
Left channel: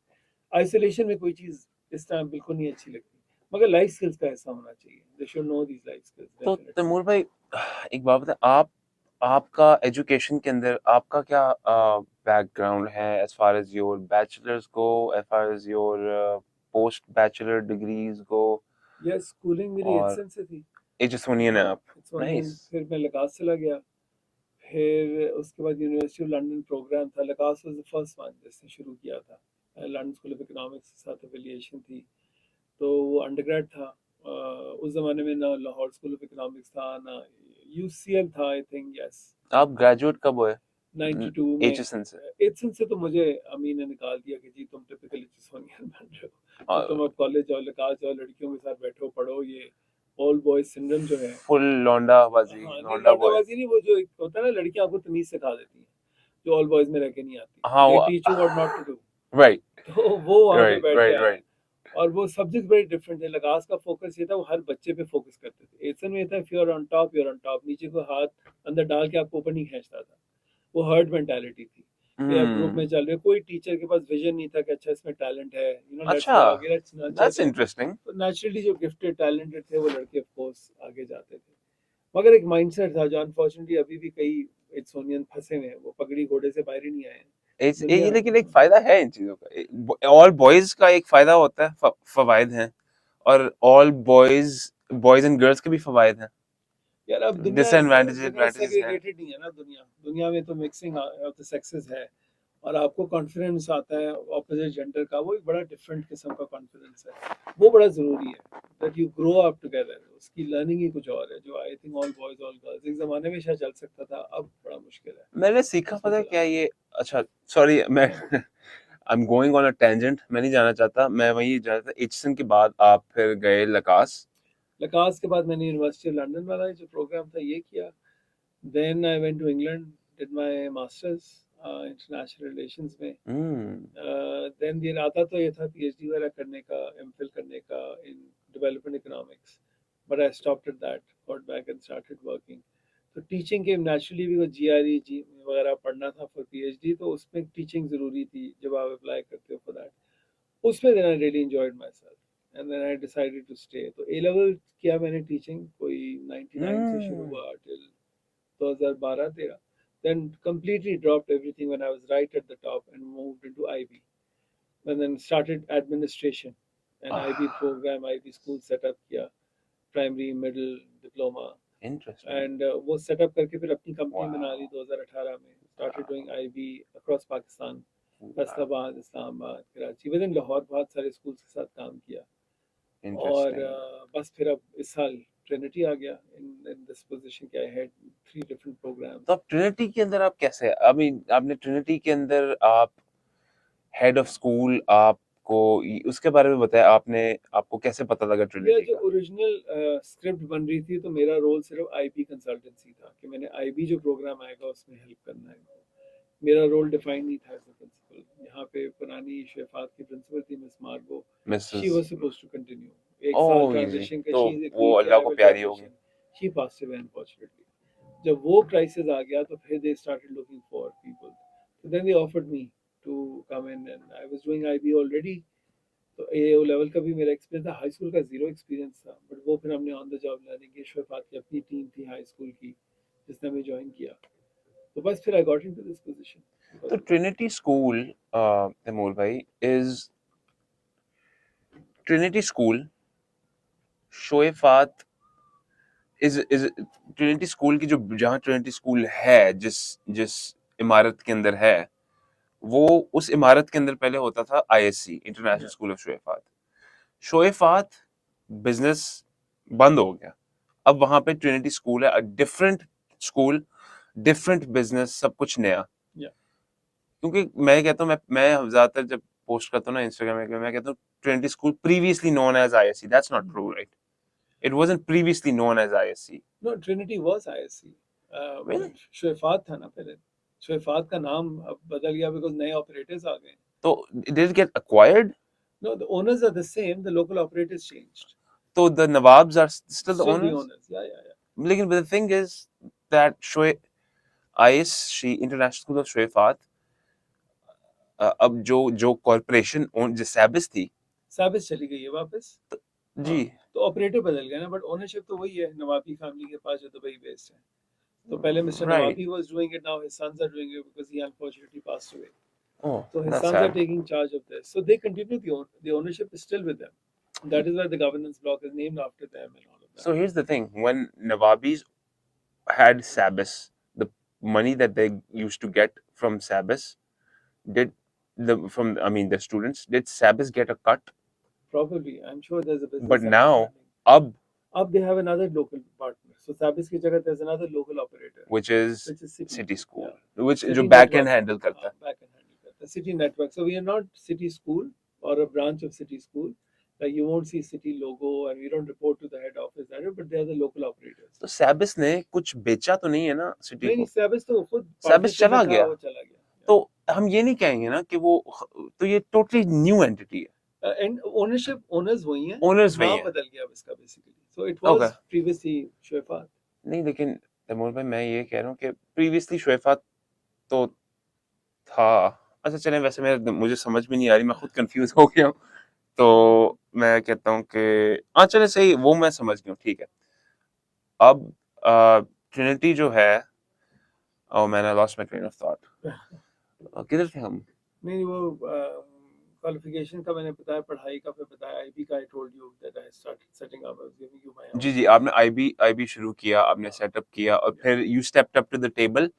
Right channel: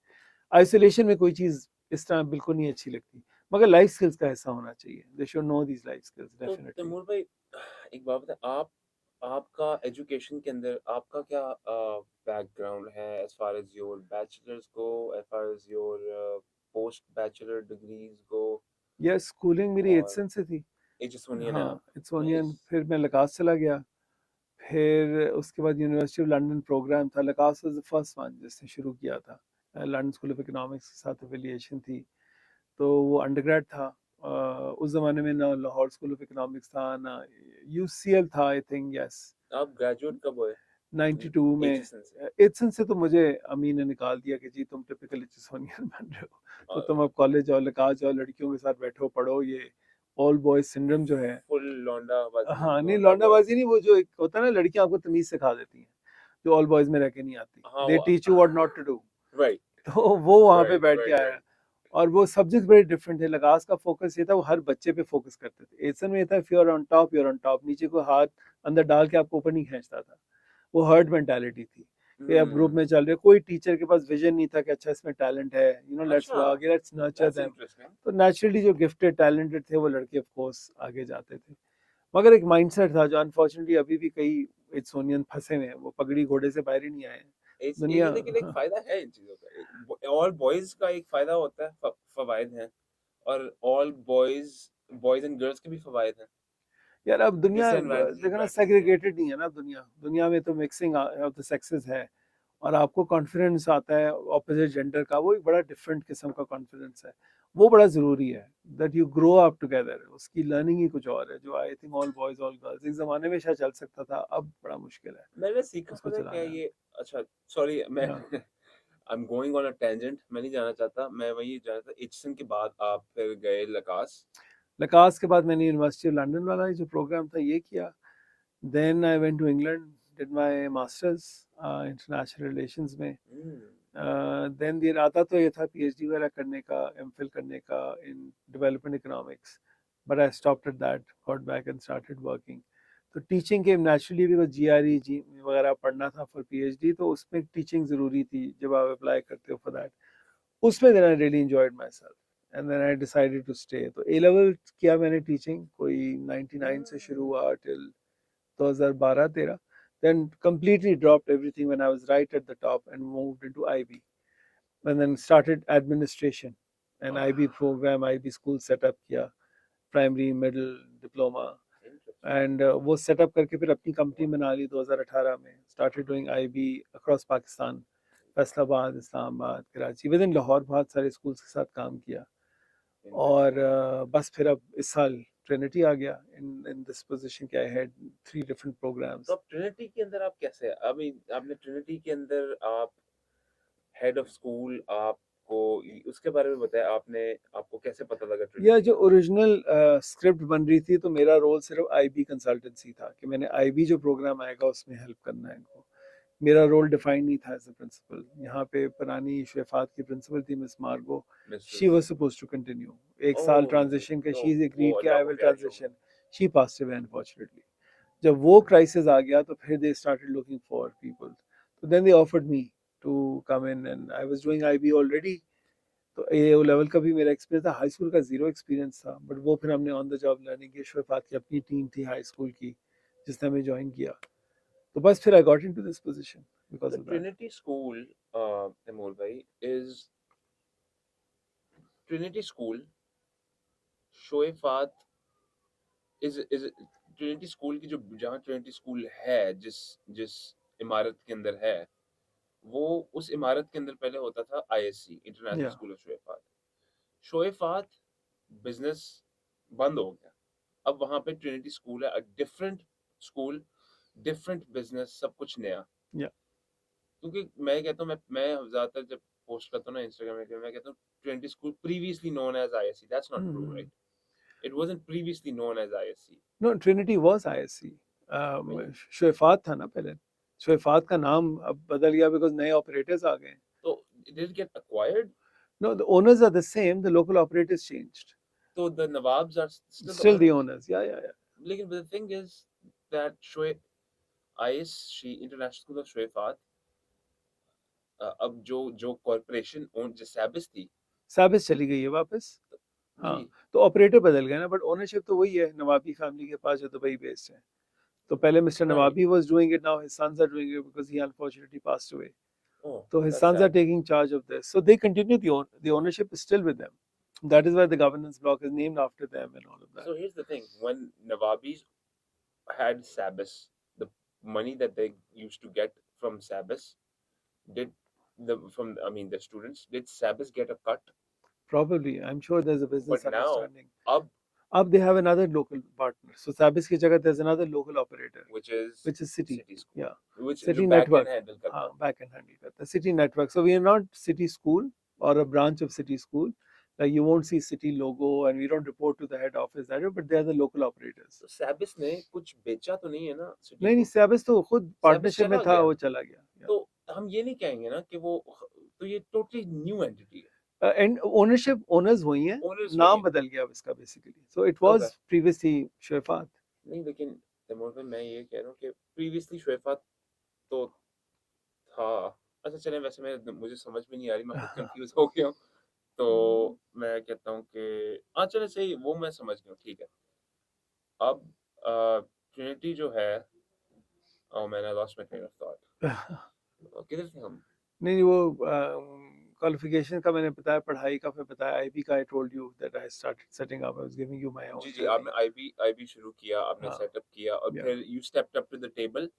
आइसोलेशन में कोई चीज़ इस तरह बिल्कुल नहीं अच्छी लगती, मगर लाइफ स्किल्स का ऐसा होना चाहिए, they should know these life skills तो डेफिनेटली। तैमूर भाई, एक बात बताएं, आप आपका एजुकेशन के अंदर आपका क्या बैकग्राउंड है, as far as your bachelors go, as far as your post bachelor degrees go? ये स्कूलिंग मेरी और एचएन से थी। एजिसोनियन है हाँ, आप? इट्सोनियन, नाइस। फिर मैं लकास चला गया। फिर उसके बाद यूनिवर्सिटी ऑफ लंदन प्रोग्राम था, लकास वाज द फर्स्ट वन जिसने शुरू किया था। लंदन स्कूल ऑफ इकोनॉमिक्स के साथ एफिलिएशन थी, तो वो अंडरग्रेड था। उस जमाने में ना लाहौर स्कूल ऑफ इकोनॉमिक्स था, ना यूसीएल था, आई थिंक, यस। आप ग्रेजुएट कब हुए 92 में। एचिसन से? एचएन से तो मुझे अमीन ने निकाल दिया कि जी तुम टिपिकल एचएसओनियन बन रहे हो, तो तुम अब कॉलेज जाओ, लकास जाओ, लड़कियों के साथ बैठो पढ़ो, ये ऑल बॉयज सिंड्रोम जो है। फुल लौंडाबाजी, हाँ नहीं, लौंडा बॉय। लौंडाबाजी नहीं, वो जो एक होता है ना, लड़कियां आपको तमीज सिखा देती हैं जो ऑल बॉयज में रह के नहीं आती, हाँ दे वो, teach you what not to do. Right तो वो वहां पे राइट बैठ राइट गया है। राइट। और वो सब्जेक्ट बड़े डिफरेंट थे, लगास का फोकस ये था, वो हर बच्चे पे फोकस करते थे। एसन में ये था, if you are on top you are on top, नीचे को हाथ अंदर डाल के आपको ऊपर नहीं खींचता था। वो हर्ड मेंटालिटी थी कि आप ग्रुप में चल रहे हो, कोई टीचर के पास विजन नहीं था कि अच्छा इसमें टैलेंट है, लेट्स अच्छा, गो आगे, let's nurture that's them. Interesting. तो नेचुरली जो गिफ्टेड टैलेंटेड थे वो लड़के ऑफ कोर्स आगे जाते थे। मगर एक माइंडसेट था जो अनफॉर्चुनेटली अभी भी कई इट्सोनियन फंसे हुए हैं, वो पगड़ी घोड़े से बाहर ही नहीं आए हैं। दुनिया, लेकिन एक हाँ। फायदा है इन चीजों का, ऑल बॉयज का एक फायदा होता है, फवायद हैं, और all boys boys and girls के भी फवायद हैं, यार अब दुनिया डिसएडवांटेजेस देखो ना, एडवांटेजेस हैं। सेग्रीगेटेड नहीं है ना दुनिया, दुनिया में तो मिक्सिंग ऑफ द सेक्सेस है। और आपको कॉन्फिडेंस आता है ऑपोजिट जेंडर का, वो एक बड़ा डिफरेंट किस्म का कॉन्फिडेंस है, वो बड़ा जरूरी है, that you grow up together. उसकी लर्निंग ही कुछ और है, जो I think all boys all girls एक जमाने में शायद चल सकता था, अब बड़ा मुश्किल है मैंने सीखा उसको पता है क्या चलाना। ये? अच्छा, सॉरी, मैं हाँ। I am going on a tangent, मैं नहीं जाना चाहता, मैं वही जाना था, एचसन के बाद आप फिर गए लकास। लकास के बाद मैंने यूनिवर्सिटी ऑफ लंदन वाला जो प्रोग्राम था ये किया। Then I went to England, did my masters international relations में। हम्म। देन the इरादा तो ये था पीएचडी वगैरह करने का, एमफिल करने का in development economics, but I stopped at that, got back and started working. तो टीचिंग के नेचुरली भी जीआरई जी वगैरह पढ़ना था फॉर पीएचडी, तो उसमें टीचिंग ज़रूरी थी जब आप अप्लाई करते हो फॉर दैट। उसमें then I really enjoyed myself and then I decided to stay. तो ए लेवल किया मैंने टीचिंग, कोई 99 से शुरू हम्म। हुआ till 2012-13। Then completely dropped everything when I was right at the top and moved into IB. And then started administration, an IB program, IB school set up किया, primary, middle, diploma. Interesting. And वो set up करके फिर अपनी company बना ली wow. 2018 में, started doing IB across Pakistan, Faisalabad, Islamabad, Karachi, with in Lahore बहुत सारे schools के साथ काम किया। और इंटरेस्टिंग। बस फिर अब इस साल ट्रिनिटी आ गया इन दिस पोजीशन के, आई हैड 3 डिफरेंट तो प्रोग्राम्स। आप ट्रिनिटी के अंदर आप कैसे, आई मीन आपने ट्रिनिटी के अंदर आप हेड ऑफ स्कूल, आपको उसके बारे में बताया आपने, आपको कैसे पता लगा या ट्रिनिटी जो का? ओरिजिनल स्क्रिप्ट बन रही थी, तो मेरा रोल सिर्फ आईबी कंसल्टेंसी था कि मैंने आईबी जो प्रोग्राम आएगा उसमें हेल्प करना है इनको। मेरा रोल डिफाइन नहीं था एज अ प्रिंसिपल। यहाँ पे पुरानी शेफात की प्रिंसिपल थी Miss Margo, she Mrs? Was supposed to continue. एक साल ओह इजी, ट्रांजिशन के, तो शी इज वो एग्रीड कि अल्लाह आई को विल प्यारी होगी। Transition. She passed away unfortunately. जब वो क्राइसिस आ गया तो फिर they started looking for people, तो then they offered me to come in and I was doing IB already. तो ए ओ लेवल का भी मेरा एक्सपीरियंस था, हाई स्कूल का जीरो एक्सपीरियंस था, बट वो फिर हमने ऑन द जॉब लर्निंग की। शफात की अपनी टीम थी हाई स्कूल की जिसने हमें ज्वाइन किया, तो बस फिर I got into this position तो because of that. Trinity school, Taimur भाई, is Trinity school Choueifat, is Trinity school की जो, जहाँ ट्रिनिटी स्कूल है, जिस जिस इमारत के अंदर है, वो उस इमारत के अंदर पहले होता था आईएससी, इंटरनेशनल या स्कूल ऑफ शोएफात। शोएफात बिजनेस बंद हो गया, अब वहां पे ट्रिनिटी स्कूल है, डिफरेंट स्कूल, डिफरेंट बिजनेस, सब कुछ नया। या क्योंकि मैं कहता हूँ, मैं ज्यादातर जब पोस्ट करता हूँ ना इंस्टाग्राम में, मैं कहता हूँ Trinity school previously known as ISC, that's not true, right? It wasn't previously known as ISC. No, Trinity was ISC. Really? Shafat था ना पहले, शोएफात का नाम अब बदल गया बिकॉज़ नए ऑपरेटर्स आ गए हैं। तो did it get acquired? No, the owners are the same, the local operators changed. So the Nawabs are still the Still the owners? owners. Yeah, yeah, yeah. लेकिन but the thing is that ISC International School of Shoaifat अब जो corporation जो सैबिस थी साबिस चली गई है वापस। जी हाँ, तो ऑपरेटर बदल गए ना, बट ओनरशिप तो वही है नवाबी फैमिली के पास जो दुबई बेस्ड है। तो पहले mister right Nawabi was doing it, now his sons are doing it because he unfortunately passed away. oh So his that's sons are sad taking charge of this. So they continue the ownership is still with them. That is why the governance block is named after them and all of that. so here's the thing when Nawabis had Sabis the money that they used to get from Sabis did the students did Sabis get a cut Probably, I'm sure there's a business but now understanding. अब Up they have another local partner. So Sabis की जगह there's another local operator, which is City. City School Yeah. which City जो back Network. end handle करता हाँ, है back end handle करता है, City Network. So we are not City School or a branch of City School. Like you won't see City logo and we don't report to the head office that, but they are the local operators. तो Sabis ने कुछ बेचा तो नहीं है ना city नहीं, को Sabis तो खुद Sabis partnership चला में था, गया वो चला गया। Yeah. तो हम ये नहीं कहेंगे ना कि वो तो ये टोटली न्यू एंटिटी है And ownership owners वही हैं, ओनर्स वही नाम हैं बदल गया अब इसका basically. So it was Okay. previously Shoaifat. नहीं लेकिन तैमूर भाई मैं ये कह रहा हूँ कि प्रीवियसली शोएफात तो था अच्छा चलें वैसे मुझे समझ में नहीं आ रही मैं खुद कंफ्यूज हो गया हूँ तो मैं कहता हूँ कि हाँ चले सही वो मैं समझ गया हूँ ठीक है अब ट्रिनिटी जो है oh man I lost my train of thought किधर थे हम नहीं वो क्वालिफिकेशन का मैंने बताया, पढ़ाई का फिर बताया, आईबी का I told you that I started setting up, I was giving you my own. जी आपने आईबी शुरू किया आपने हाँ, सेटअप किया और yeah. फिर you stepped up to the table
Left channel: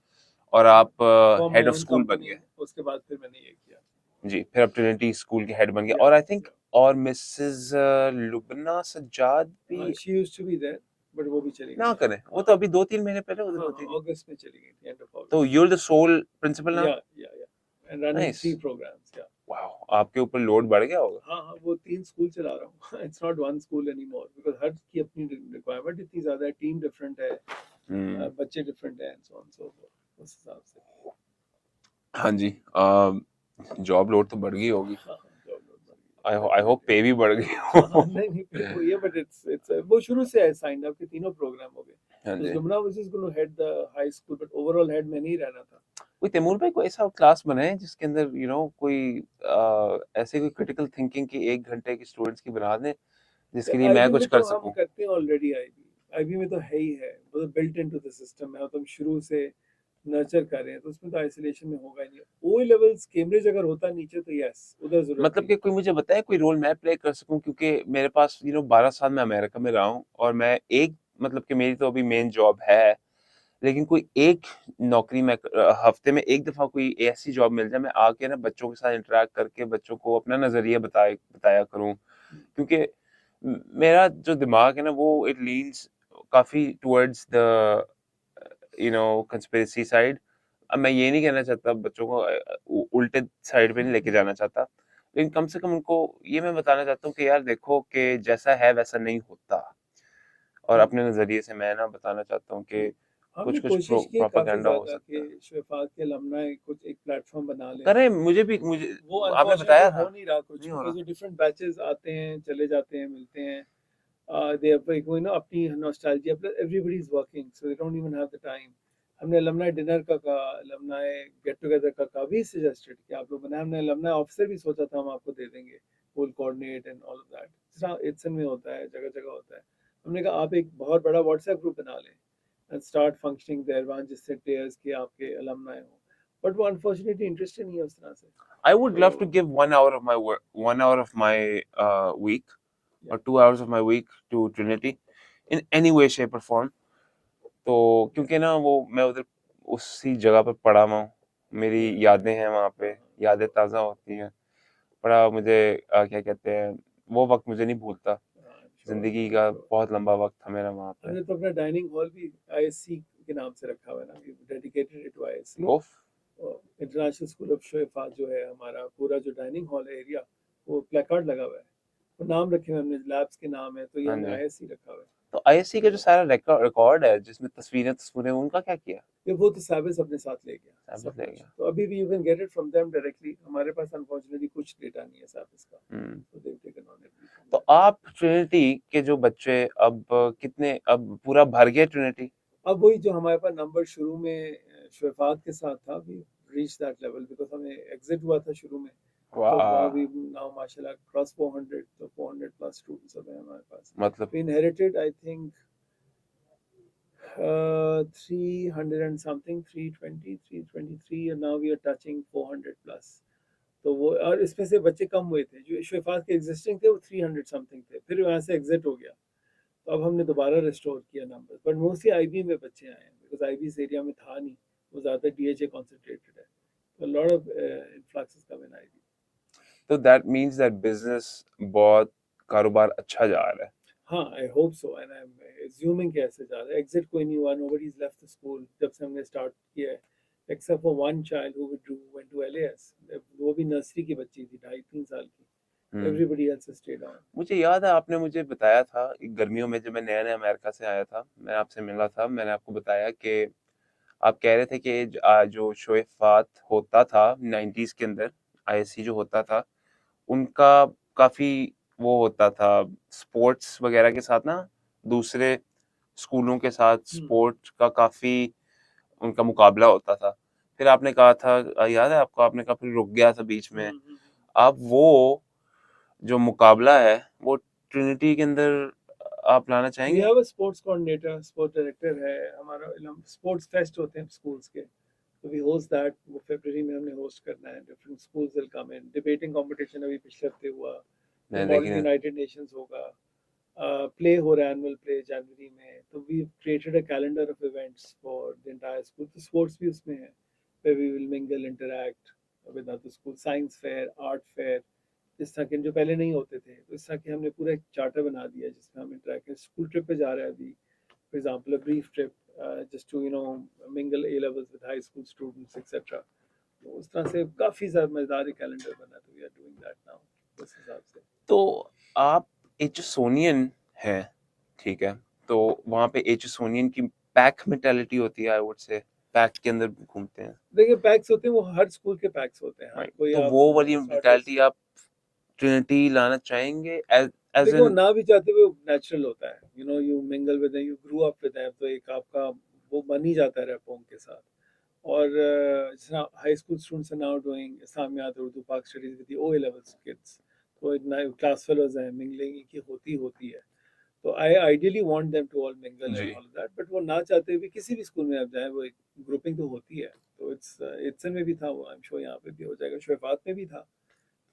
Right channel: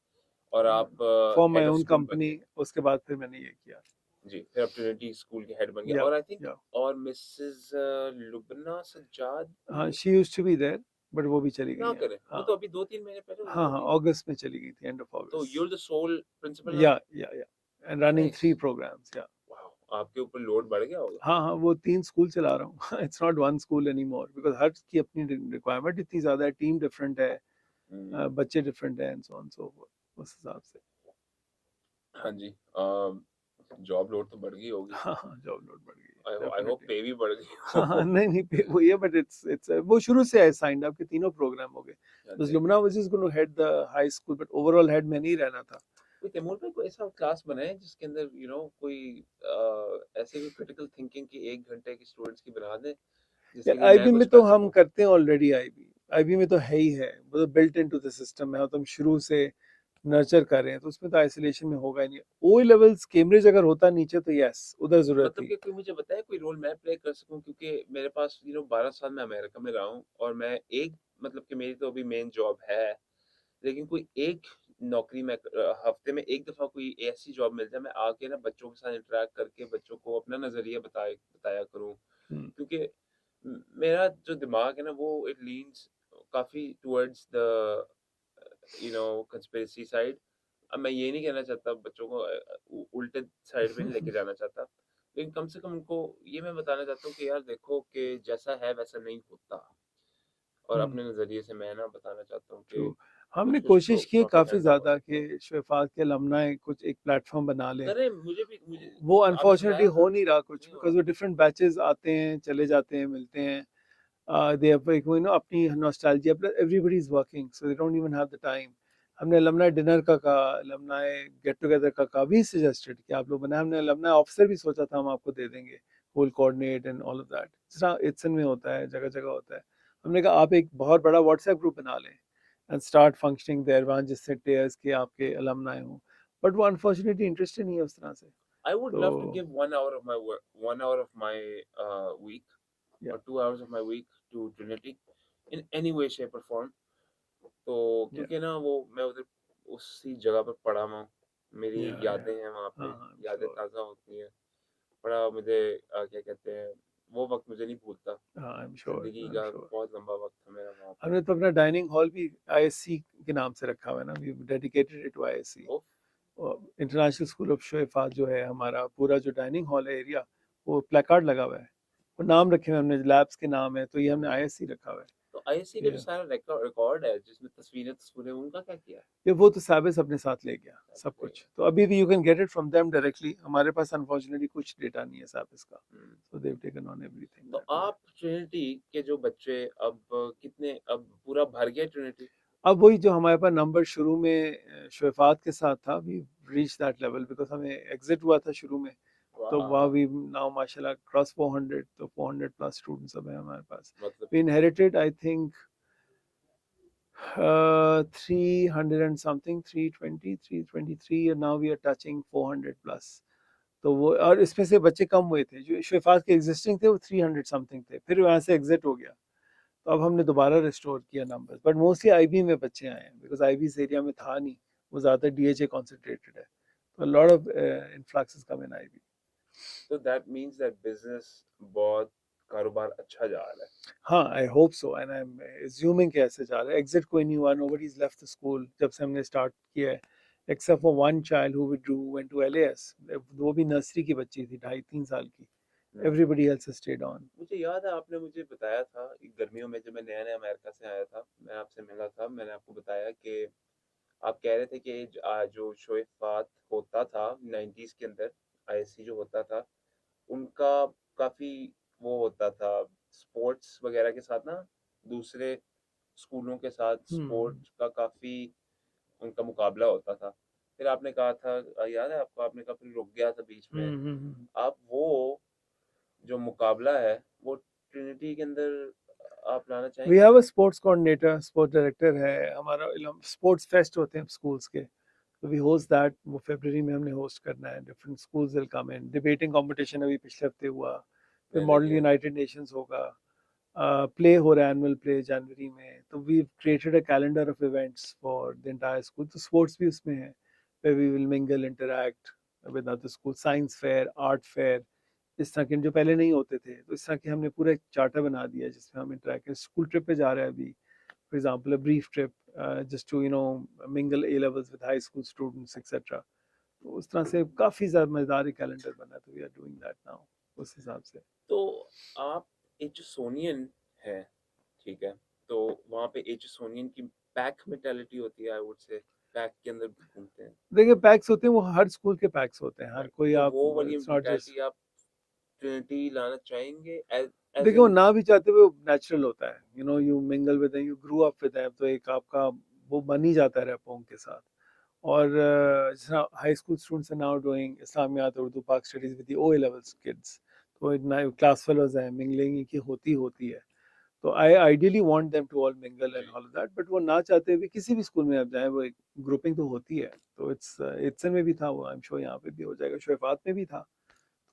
और आप for my head of own school बन कंपनी, गए उसके बाद फिर मैंने ये किया। जी फिर आप ट्रिनिटी स्कूल के हेड बन गए Yeah, और आई थिंक yeah. और मिसेस लुबना सज्जाद हाँ, भी she used to be there but वो भी चली ना गई करें हैं। वो हाँ, तो अभी 2-3 महीने पहले हाँ, हाँ, होती अगस्त में चली गई थी, एंड ऑफ तो अगस्त। you're the sole principal now या एंड रनिंग nice 3 प्रोग्राम्स। या wow आपके ऊपर लोड बढ़ गया होगा हाँ, हाँ, वो 3 स्कूल चला रहा हूँ। It's not one school anymore because हर की अपनी रिक्वायरमेंट इतनी ज्यादा है, टीम डिफरेंट है, बच्चे डिफरेंट हैं and so on so fourth, उस हिसाब से। हाँ जी जॉब लोड तो बढ़ गई होगी हाँ, हाँ, जॉब लोड बढ़ गई आई है होप डेफिनेटली। पे भी बढ़ गई हाँ, हाँ, हो नहीं, नहीं, पे वो ये बट इट्स वो शुरू से है साइंड अप के तीनों प्रोग्राम हो गए। हाँ तो जी Lumna was just going to head the high school but overall head मैं नहीं रहना था। कोई तैमूर भाई कोई ऐसा क्लास बनाए जिसके अंदर कोई ऐसे कोई क्रिटिकल थिंकिंग की 1 घंटे की स्टूडेंट्स की बना दें जिसके लिए मैं आईबी कुछ में तो कर हम सकूं करते हैं ऑलरेडी। आईबी में तो है ही है, वो बिल्ट इनटू द सिस्टम है, तो हम शुरू से नर्चर कर रहे हैं, तो उसमें तो आइसोलेशन में होगा ही नहीं। ओ लेवल्स कैम्ब्रिज अगर होता नीचे तो यस उधर जरूरत मतलब थी। कि कोई मुझे बताए कोई रोल मैं प्ले कर सकूं क्योंकि मेरे पास 12 साल मैं अमेरिका में रहा हूं और मैं एक मतलब कि मेरी तो अभी मेन जॉब है लेकिन कोई एक नौकरी में हफ्ते में एक दफा कोई ऐसी जॉब मिल जाए मैं आके ना बच्चों के साथ इंटरेक्ट करके बच्चों को अपना नजरिया बताया करूं हम्म, क्योंकि मेरा जो दिमाग है ना वो इट लीन्स काफी टुवर्ड्स द कंस्पिरेसी साइड अब मैं ये नहीं कहना चाहता बच्चों को उल्टे साइड पे नहीं लेके जाना चाहता लेकिन कम से कम उनको ये मैं बताना चाहता हूँ कि यार देखो कि जैसा है वैसा नहीं होता और हम्म। अपने नजरिए से मैं ना बताना चाहता हूँ कि तो हमने कुछ कुछ कोशिश की काफी प्रोपेगेंडा हो ज्यादा सकता है कि शफात के अलमनाई कुछ एक प्लेटफॉर्म बना लें। करें मुझे वो आपने अनफॉर्चुनेटली बताया हो था नहीं रहा कुछ, नहीं हो बिकॉज रहा वो डिफरेंट बैचेस आते हैं, चले जाते हैं, मिलते हैं। दे अपनी nostalgia plus everybody is working so they don't even have the time. हमने अलमनाई डिनर का कहा, अलमनाई गेट टुगेदर का कहा, वी सजेस्टेड कि आप लोग बनाए। हमने अलमनाई ऑफिसर भी सोचा था हम आपको दे देंगे, will coordinate and all of that. जिस तरह इट्सन में होता है, जगह जगह होता है। हमने कहा आप एक बहुत बड़ा व्हाट्सएप ग्रुप बना लें एंड स्टार्ट फंक्शनिंग देयर, वहाँ जिससे टेयर्स के आपके अलमनाई हों, बट वो अनफॉर्चुनेटली इंटरेस्टेड नहीं है उस तरह से। I would love to तो give 1 hour of my work 1 hour of my week या or 2 hours of my week to Trinity in any way shape or form तो या क्योंकि ना वो मैं उधर उसी जगह पे पड़ा हुआ हूँ मेरी या यादें हैं वहाँ पे हाँ, हाँ, यादें श्योर, ताज़ा होती हैं बड़ा मुझे क्या कहते हैं वो वक्त मुझे नहीं भूलता हाँ, आई एम जिंदगी श्योर। का बहुत लंबा वक्त था मेरा वहाँ पे हमने तो अपना डाइनिंग हॉल भी आईएससी के नाम से रखा हुआ है ना, we dedicated it to ISC. Of international school of Choueifat जो है हमारा पूरा जो डाइनिंग हॉल है एरिया, वो प्लेकार्ड लगा हुआ है, वो नाम रखे हुए हमने, लैब्स के नाम है, तो ये हाँ हमने जी आईएससी रखा हुआ है। तो आईएससी का जो तो सारा रिकॉर्ड है जिसमें तस्वीरें उनका क्या किया? ये वो तो साबिस अपने साथ ले गया साबित सब रह कुछ, गया। तो अभी भी you can get it from them directly. हमारे पास अनफॉर्चुनेटली कुछ डेटा नहीं है साबिस का, हुँ। so they've taken on everything तो that way. आप ट्रिनिटी के जो बच्चे अब कितने अब पूरा भर गया ट्रिनिटी? अब वही जो हमारे पास नंबर शुरू में शुएफात के साथ था, we reach that level because हमें एग्जिट हुआ था शुरू में, तो वाह वी वाह! नाउ माशाल्लाह क्रॉस 400, तो 400 प्लस स्टूडेंट्स अब हैं हमारे पास। मतलब we inherited I think 300 and something, 320, 323, and now we are touching 400 plus. तो वो और इसमें से बच्चे कम हुए थे जो शफात के एग्जिस्टिंग थे, वो 300 समथिंग थे, फिर वहाँ से एग्जिट हो गया, तो अब हमने दोबारा रिस्टोर किया नंबर्स, बट मोस्टली आईबी में बच्चे आए हैं बिकॉज आईबी इस एरिया में था नहीं, वो ज़्यादा डीएचए कॉन्सेंट्रेटेड है, तो lot of influx come in IB. तो दैट मीन्स दैट बिज़नेस बहुत कारोबार अच्छा जा रहा है। हाँ, I hope so and I am assuming कि ऐसे जा रहा है। एग्जिट कोई नहीं हुआ, nobody is left the school जब से हमने स्टार्ट किया है, except for one child who withdrew went to LAS, वो भी नर्सरी की बच्ची थी, 2.5-3 साल की। Hmm. Everybody else stayed on. मुझे याद है आपने मुझे बताया था गर्मियों में जब मैं नया-नया अमेरिका से आया था, मैं आपसे मिला था, मैंने आपको बताया कि आप कह रहे थे कि जो शोएफ़ात होता था 90s के अंदर, आईएससी जो होता था, उनका काफ़ी वो होता था स्पोर्ट्स वग़ैरह के साथ ना, दूसरे स्कूलों के साथ हम्म स्पोर्ट्स का काफ़ी उनका मुकाबला होता था। फिर आपने कहा था याद है आपको आपने कहा फिर रुक गया था बीच में। हम्म। अब वो जो मुकाबला है, वो ट्रिनिटी के अंदर आप लाना वी चाहेंगे? Have a sports coordinator, sports director है हमारा। स्पोर्ट्स फेस्ट होते हैं स्कूल्स के, तो वी होस्ट दैट, वो फरवरी में हमने होस्ट करना है। Different schools will come in, debating competition अभी पिछले हफ्ते हुआ, फिर मैं मॉडल लेकिन यूनाइटेड नेशंस होगा, प्ले हो रहा है एनुअल प्ले जनवरी में, तो we created a calendar of events for the entire school, तो स्पोर्ट्स भी उसमें है, where we will mingle, interact with other schools, science fair, art fair, इस तरह के जो पहले नहीं होते थे, तो इस तरह के हमने पूरा एक चार्टर बना दिया है जिसमें हम इंटरेक्ट करें। स्कूल ट्रिप पे जा रहा है अभी, for example a brief trip, just to mingle A levels with high school students etcetera, तो उस तरह से काफ़ी ज़्यादा मज़ेदार कैलेंडर बना, तो we are doing that now उस हिसाब से। तो आप एचसोनियन हैं, ठीक है? तो वहाँ पे एचसोनियन की पैक मेंटालिटी होती है आई वुड से, पैक के अंदर घूमते हैं, देखिए पैक्स होते हैं, वो हर स्कूल के पैक्स होते हैं, हर राइट? कोई तो आप, वो वाली इट्स नॉट जस्ट, मेंटालिटी आप ट्रिनिटी लाना चाहेंगे एज़ देखिए वो इन ना भी चाहते हुए नेचुरल होता है, you mingle with you grew up with them, तो एक आपका वो बन ही जाता है रैपों के साथ। और high school students are now doing Islamiyat Urdu Pak studies with the O levels kids, तो इतना क्लास फेलोज हैं, मिंगलिंग की होती है, तो I ideally want them to all mingle and जी। ऑल दैट, बट वो ना चाहते भी किसी भी स्कूल में आप जाए, वो एक ग्रुपिंग तो होती है, तो इट्स में भी था वो, आई एम श्योर यहाँ पे भी हो जाएगा, शफात में भी था,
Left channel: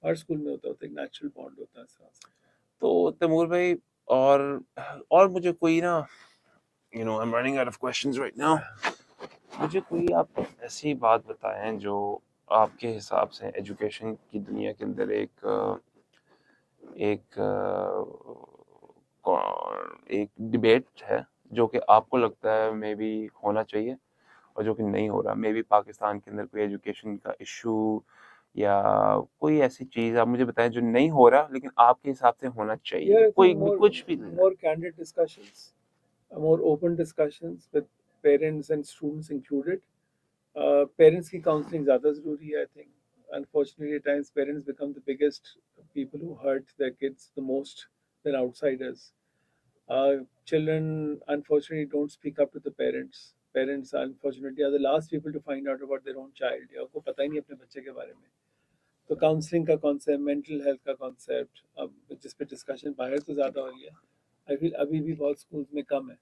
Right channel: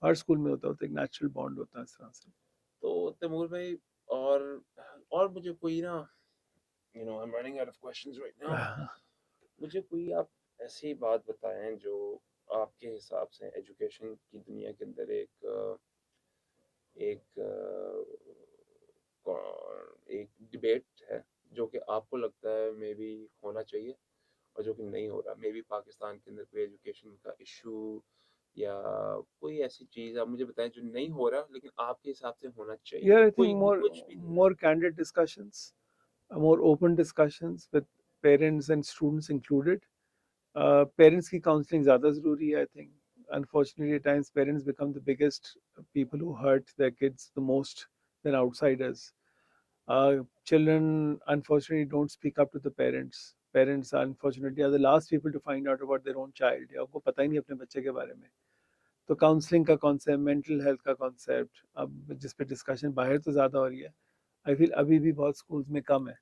हर स्कूल में होता होता एक नेचुरल बॉन्ड होता है इस तरह से। तो तैमूर भाई और और मुझे कोई ना I am running out of questions right now. मुझे कोई आप ऐसी बात बताएं जो आपके हिसाब से एजुकेशन की दुनिया के अंदर एक एक डिबेट है जो कि आपको लगता है मे बी होना चाहिए और जो कि नहीं हो रहा, मे बी पाकिस्तान के अंदर कोई एजुकेशन का इशू या कोई ऐसी चीज़ आप मुझे बताएं जो नहीं हो रहा लेकिन आपके हिसाब से होना Yeah, चाहिए, I think कोई भी more कुछ भी ले लें। more candid discussions, more open discussions with parents and students included. Parents की counseling ज़्यादा ज़रूरी है, I think. Unfortunately, at times parents become the biggest people who hurt their kids the most than outsiders. Children unfortunately don't speak up to the parents. Parents unfortunately are the last people to find out about their own child. या उनको पता ही नहीं अपने बच्चे के बारे में। तो काउंसलिंग का कॉन्सेप्ट, मेंटल हेल्थ का कॉन्सेप्ट, अब जिस पे डिस्कशन बाहर तो ज़्यादा हो रही है, आई फील अभी भी बहुत स्कूल्स में कम है,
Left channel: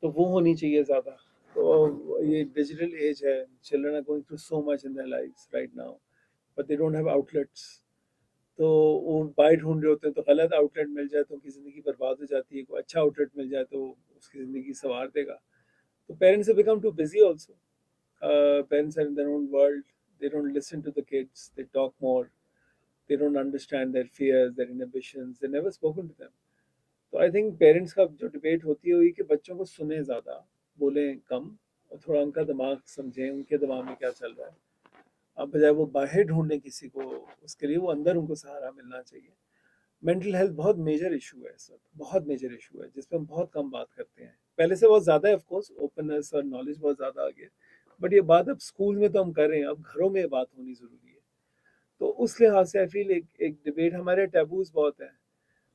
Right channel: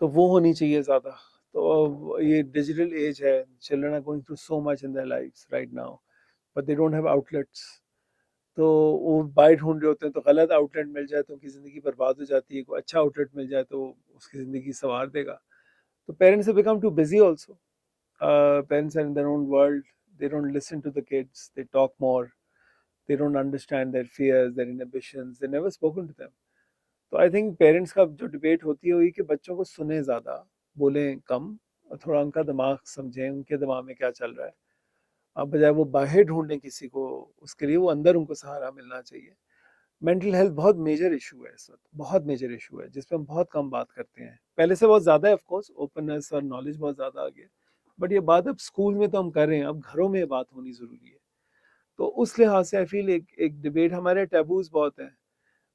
तो वो होनी चाहिए ज़्यादा। तो अब ये डिजिटल एज है, children are going through so much in their lives right now, but they don't have outlets, तो वो बाहर ढूंढ रहे होते हैं, तो गलत आउटलेट मिल जाए तो उनकी ज़िंदगी बर्बाद हो जाती है, कोई अच्छा आउटलेट मिल जाए तो उसकी ज़िंदगी संवार देगा। तो parents become too busy also, parents are in their own world, they don't listen to the kids, they talk more, they don't understand their fears, their inhibitions, they never spoken to them. तो I think parents का जो debate होती है वही कि बच्चों को सुने ज़्यादा, बोलें कम, और थोड़ा उनका दिमाग समझें, उनके दिमाग में क्या चल रहा है, अब बजाय वो बाहर ढूंढने किसी को, उसके लिए वो अंदर उनको सहारा मिलना चाहिए। मेंटल हेल्थ बहुत मेजर इशू है इस वक्त, बहुत मेजर इशू है जिस पे हम बहुत कम बात करते हैं। पहले से बहुत ज़्यादा है, ऑफ कोर्स ओपननेस और नॉलेज बहुत ज़्यादा आ गया, बट ये बात अब स्कूल में तो हम कर रहे हैं, अब घरों में ये बात होनी ज़रूरी है। तो उस लिहाज से आई फील एक एक डिबेट, हमारे टैबूज बहुत हैं,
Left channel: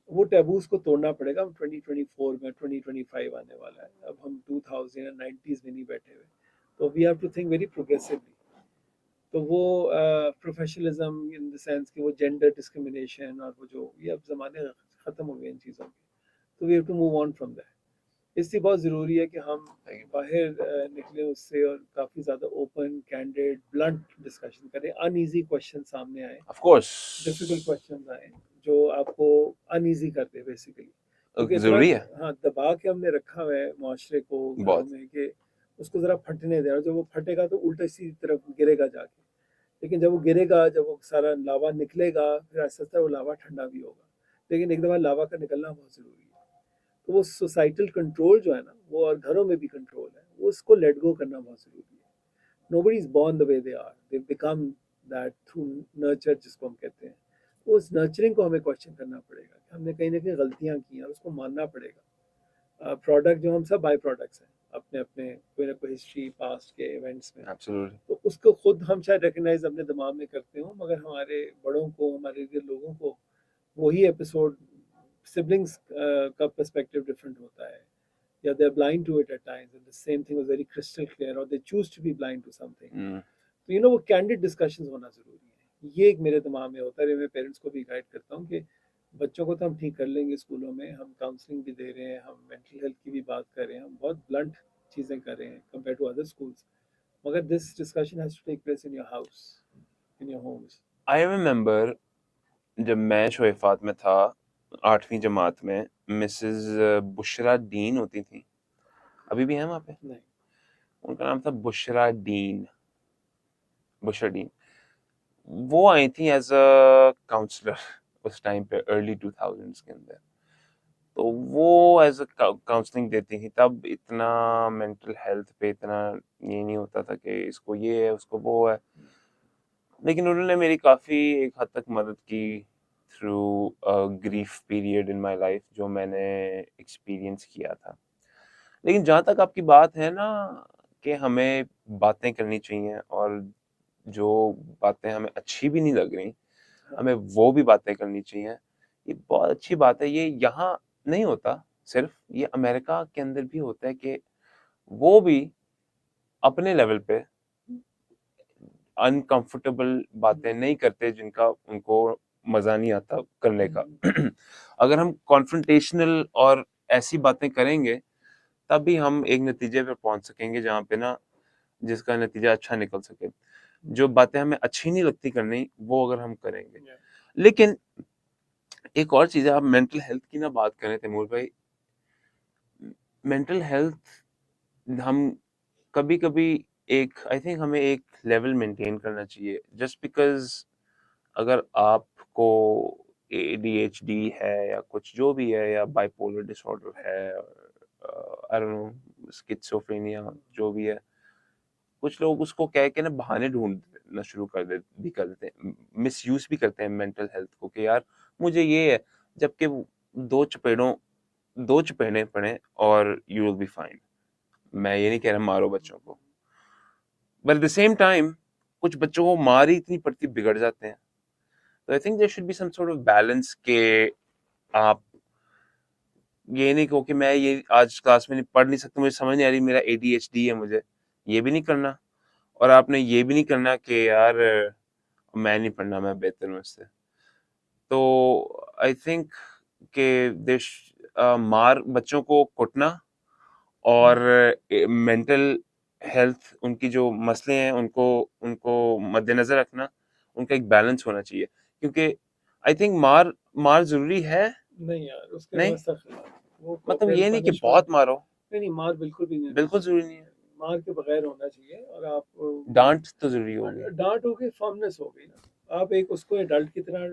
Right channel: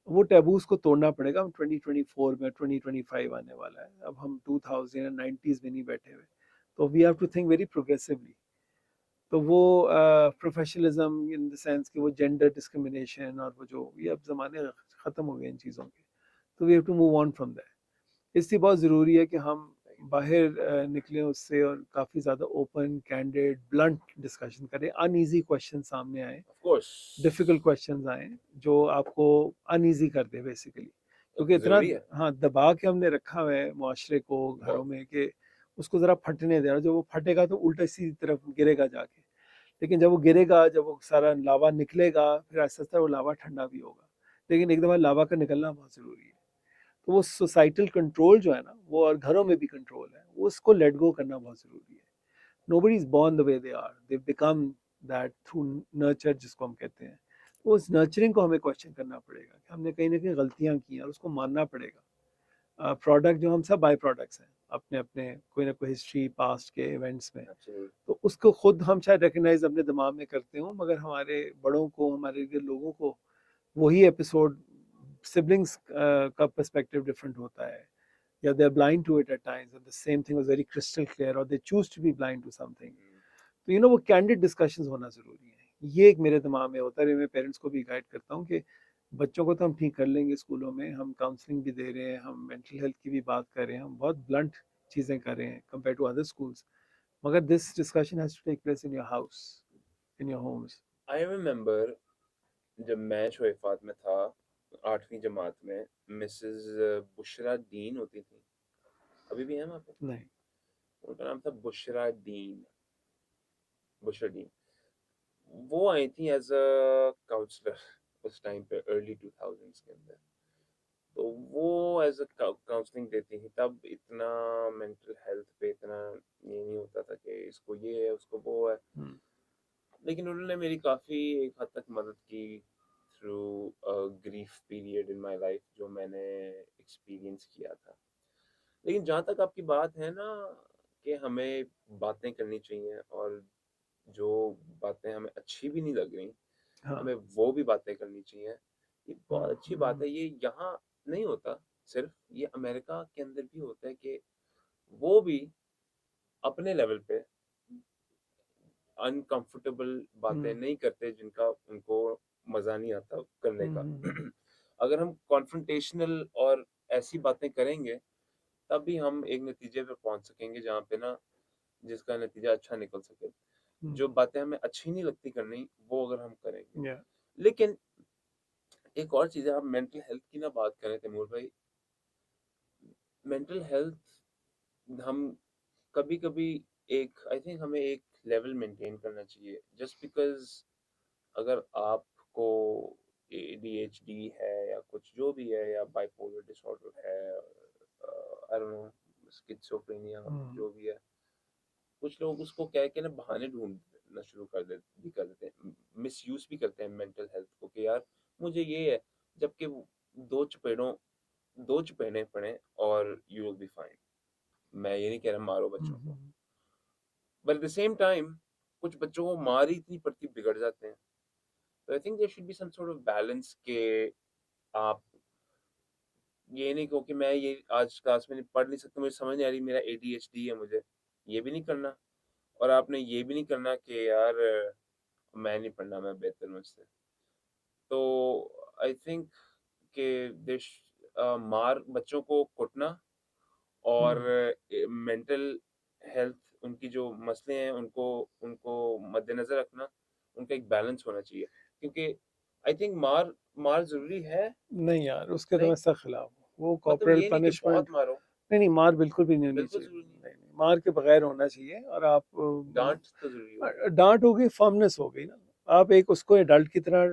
वो टैबूज को तोड़ना पड़ेगा। हम 2024 में, 2025 आने वाला है, अब हम 2090s में नहीं बैठे हुए, तो we have to think very progressively. तो वो प्रोफेशनलिज्म इन द सेंस कि वो जेंडर डिस्क्रिमिनेशन और वो जो ये अब ज़माने ख़त्म हो गए इन चीज़ों के, तो we have to move on from that. इसलिए बहुत ज़रूरी है कि हम बाहर निकले उससे और काफ़ी ज़्यादा ओपन, कैंडिड, ब्लंट डिस्कशन करें, अनईजी क्वेश्चन सामने आए, ऑफ कोर्स डिफिकल्ट क्वेश्चंस आए जो आपको अनईजी कर दे बेसिकली, क्योंकि इतना जरूरी है हाँ दबा के हमने रखा हुआ है माशरे को, घरों बहुत। में, कि उसको ज़रा फटने देना, जब वो फटेगा तो उल्टा सीधी तरफ गिरेगा जाके, लेकिन जब वो गिरेगा, जब वो सारा लावा निकलेगा, फिर आहिस्ता आहिस्ता वो लावा ठंडा भी होगा, लेकिन एक दफ़ा लावा का निकलना बहुत ज़रूरी है। तो वो सोसाइटल कंट्रोल जो है ना, वो और घरों में भी कंट्रोल है, वो उसको लेट गो करना बहुत ज़रूरी है। Nobody is born the way they are, they become that through nurture, जिसको हम कहते हैं। तो उस नर्चरिंग को हमें क्वेश्चन करना पड़ेगा कि हमने कहीं ना कहीं गलतियां की हैं और उसको मानना पड़ेगा। प्रोडक्ट जो हम सब बाई प्रोडक्ट्स हैं अपने अपने, कोई ना कोई हिस्ट्री पास्ट के इवेंट्स में, एब्सोल्युटली। तो उसको खुद हम शायद रिकग्नाइज अपने दिमाग में करते हो, मगर हमारे बड़ों को, हमारे के लोगों को वही एपिसोड, सिबलिंग्स का पर्सपेक्टिव डिफरेंट होता है, या they are blind to it at times, and the same thing was very crystal clear, or they choose to be blind to something. तो वो कैंडिड डिस्कशंस होना जरूरी है। ये एक मेरे दिमाग में होता है, मैं पेरेंट्स को भी गाइड करता हूँ कि बच्चों को तो हम ठीक कर लेंगे, स्कूलों में हम काउंसलिंग भी दे रहे हैं, हम मेंटल हेल्थ की भी बात कर रहे हैं, हम बहुत ब्लंट चीज़ें कर रहे हैं कंपेयर टू अदर स्कूल्स, मगर this discussion has to take place in your house, in your homes. I remember जब मैं शोएफात में था 8वीं जमात में, मिसेस बुशरा डीन होती थी, अभी भी हैं वहाँ पे, नहीं। उनका नाम था बुशरा डीन, बुशरा डीन। वो आई थी एज अ काउंसलर उस टाइम पे, अर्ली 2000s के अंदर। तो वो एज अ काउंसलिंग देती थी, तब इतना मेंटल हेल्थ पे इतना ये नहीं होता था कि इसको ये है उसको वो है, लेकिन उन्होंने मेरी काफ़ी एक हद तक मदद की through grief period in my life जो मैंने एक्सपीरियंस किया था। लेकिन जहाँ तक आपकी बात है ना कि हमें बातें करनी चाहिए, और जो बातें हमें अच्छी भी नहीं लग रही, हाँ। हमें वो भी बातें करनी चाहिए। ये बहुत अच्छी बात है, ये यहाँ नहीं होता सिर्फ, ये अमेरिका के अंदर भी होता है कि वो भी अपने लेवल पे अनकंफर्टेबल बातें नहीं करते जिनका उनको मजा नहीं आता करने का। अगर हम कॉन्फ्रंटेशनल और ऐसी बातें करेंगे, तभी हम एक नतीजे पे पहुंच सकेंगे जहाँ पे ना जिसका नतीजा अच्छा निकल सके। जो बातें हमें अच्छी नहीं लगती करनी, वो अगर हम करेंगे। या लेकिन एक और चीज़ है, आप मेंटल हेल्थ की ना बात करें तैमूर भाई, मेंटल हेल्थ हम कभी-कभी एक आई थिंक हमें एक लेवल मेंटेन करना चाहिए। जस्ट बिकॉज़ अगर आपको एडीएचडी है या कुछ जो भी है, या बाइपोलर डिसऑर्डर है, आई डोंट नो, स्किज़ोफ्रेनिया जो भी है, कुछ लोग उसको कह के ना बहाने ढूंढना शुरू कर देते हैं, मिसयूज भी करते हैं मेंटल हेल्थ को कि यार मुझे ये है, जबकि दो चपेड़ों दो चपेड़े पड़े और यू विल बी फाइन। मैं ये नहीं कह रहा मारो बच्चों को, but at the same time कुछ बच्चों को मार ही इतनी पड़ती बिगड़ जाते हैं। तो I think there should be some sort of balance के आप ये नहीं कहो कि मैं ये आज क्लास में नहीं पढ़ नहीं सकता, मुझे समझ नहीं आ रही, मेरा एडीएचडी है, मुझे ये भी नहीं करना, और आपने ये भी नहीं करना कि यार मैं नहीं पढ़ना, मैं बेहतर हूँ इससे। तो आई थिंक कि देश मार बच्चों को कुटना और मेंटल हेल्थ उनकी जो मसले हैं उनको उनको मद्देनजर रखना, उनका एक बैलेंस होना चाहिए, क्योंकि आई थिंक मार मार जरूरी है। नहीं यार, उसके तो नहीं मैं सख्त खिलाफ हूँ। वो मतलब कॉर्पोरल ये नहीं कि पनिशमेंट, बहुत मारो, नहीं नहीं, मार बिल्कुल भी नहीं होनी बिल्कुल चाहिए। जरूरी नहीं है, नहीं नहीं, मार के बगैर होना चाहिए। और आप डांट तो जरूरी होगी। डांट हो गई, फर्मनेस हो गई ना। आप एक उसको एडल्ट की तरह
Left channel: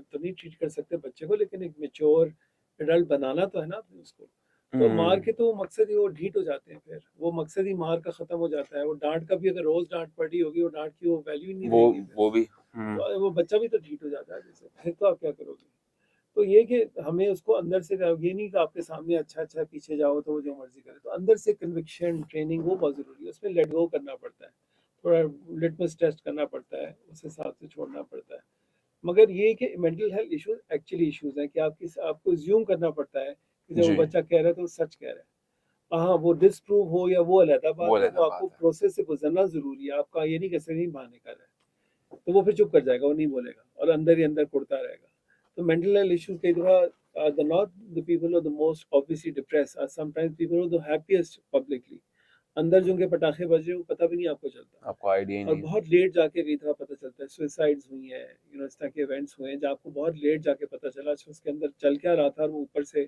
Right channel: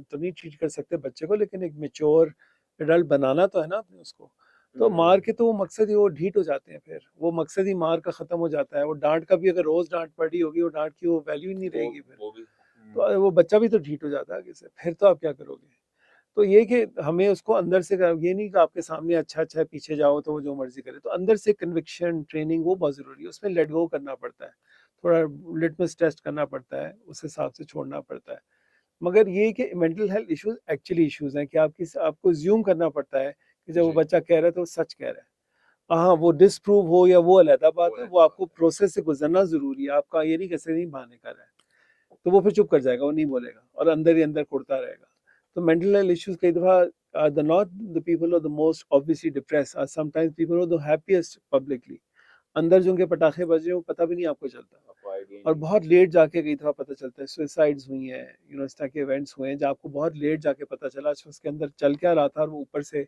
तो नहीं ट्रीट कर सकते बच्चे को, लेकिन एक मेच्योर एडल्ट बनाना तो है ना आपने उसको। तो मार के तो वो मकसद ही, वो ढीठ हो जाते हैं, फिर वो मकसद ही मार का खत्म हो जाता है। वो डांट का भी, अगर रोज डांट पड़ी होगी, वो डांट की वो वैल्यू ही नहीं वो रहेगी फिर। वो भी तो वो बच्चा भी तो ढीठ हो जाता है आगे से, फिर तो आप क्या करोगे। तो ये कि हमें उसको अंदर से ये नहीं कि आपके सामने अच्छा है पीछे जाओ तो वो जो मर्जी करे, तो अंदर से कन्विक्शन ट्रेनिंग वो बहुत जरूरी है, उसमें लेट गो करना पड़ता है, थोड़ा लिटमस टेस्ट करना पड़ता है, उस हिसाब से छोड़ना पड़ता है। मगर ये कि mental health issues actually issues हैं कि आपको ज्यूम करना पड़ता है कि जब वो जी, बच्चा कह रहा है तो वो सच कह रहा है। हाँ, वो डिसप्रूव हो या वो अलग बात वो है, वो अलग आपको बात है। प्रोसेस से गुजरना जरूरी है, आपका ये नहीं कैसे नहीं बहाने कर रहा है, तो वो फिर चुप कर जाएगा, वो नहीं बोलेगा और अंदर ही अंदर कुड़ता रहेगा। तो मेंटल हेल्थ इश्यूज कई दफा the not the people are the most obviously depressed, are sometimes people are the happiest publicly, अंदर जो उनके पटाखे बज रहे हैं वो पता भी नहीं आपको चलता, आपको आइडिया ही और नहीं है। बहुत लेट जाके कई दफा पता चलता है। सुसाइड्स हुई हैं, इस तरह के इवेंट्स हुए हैं जहाँ आपको बहुत लेट जाके पता चला अच्छा उसके अंदर चल क्या रहा था और वो ऊपर से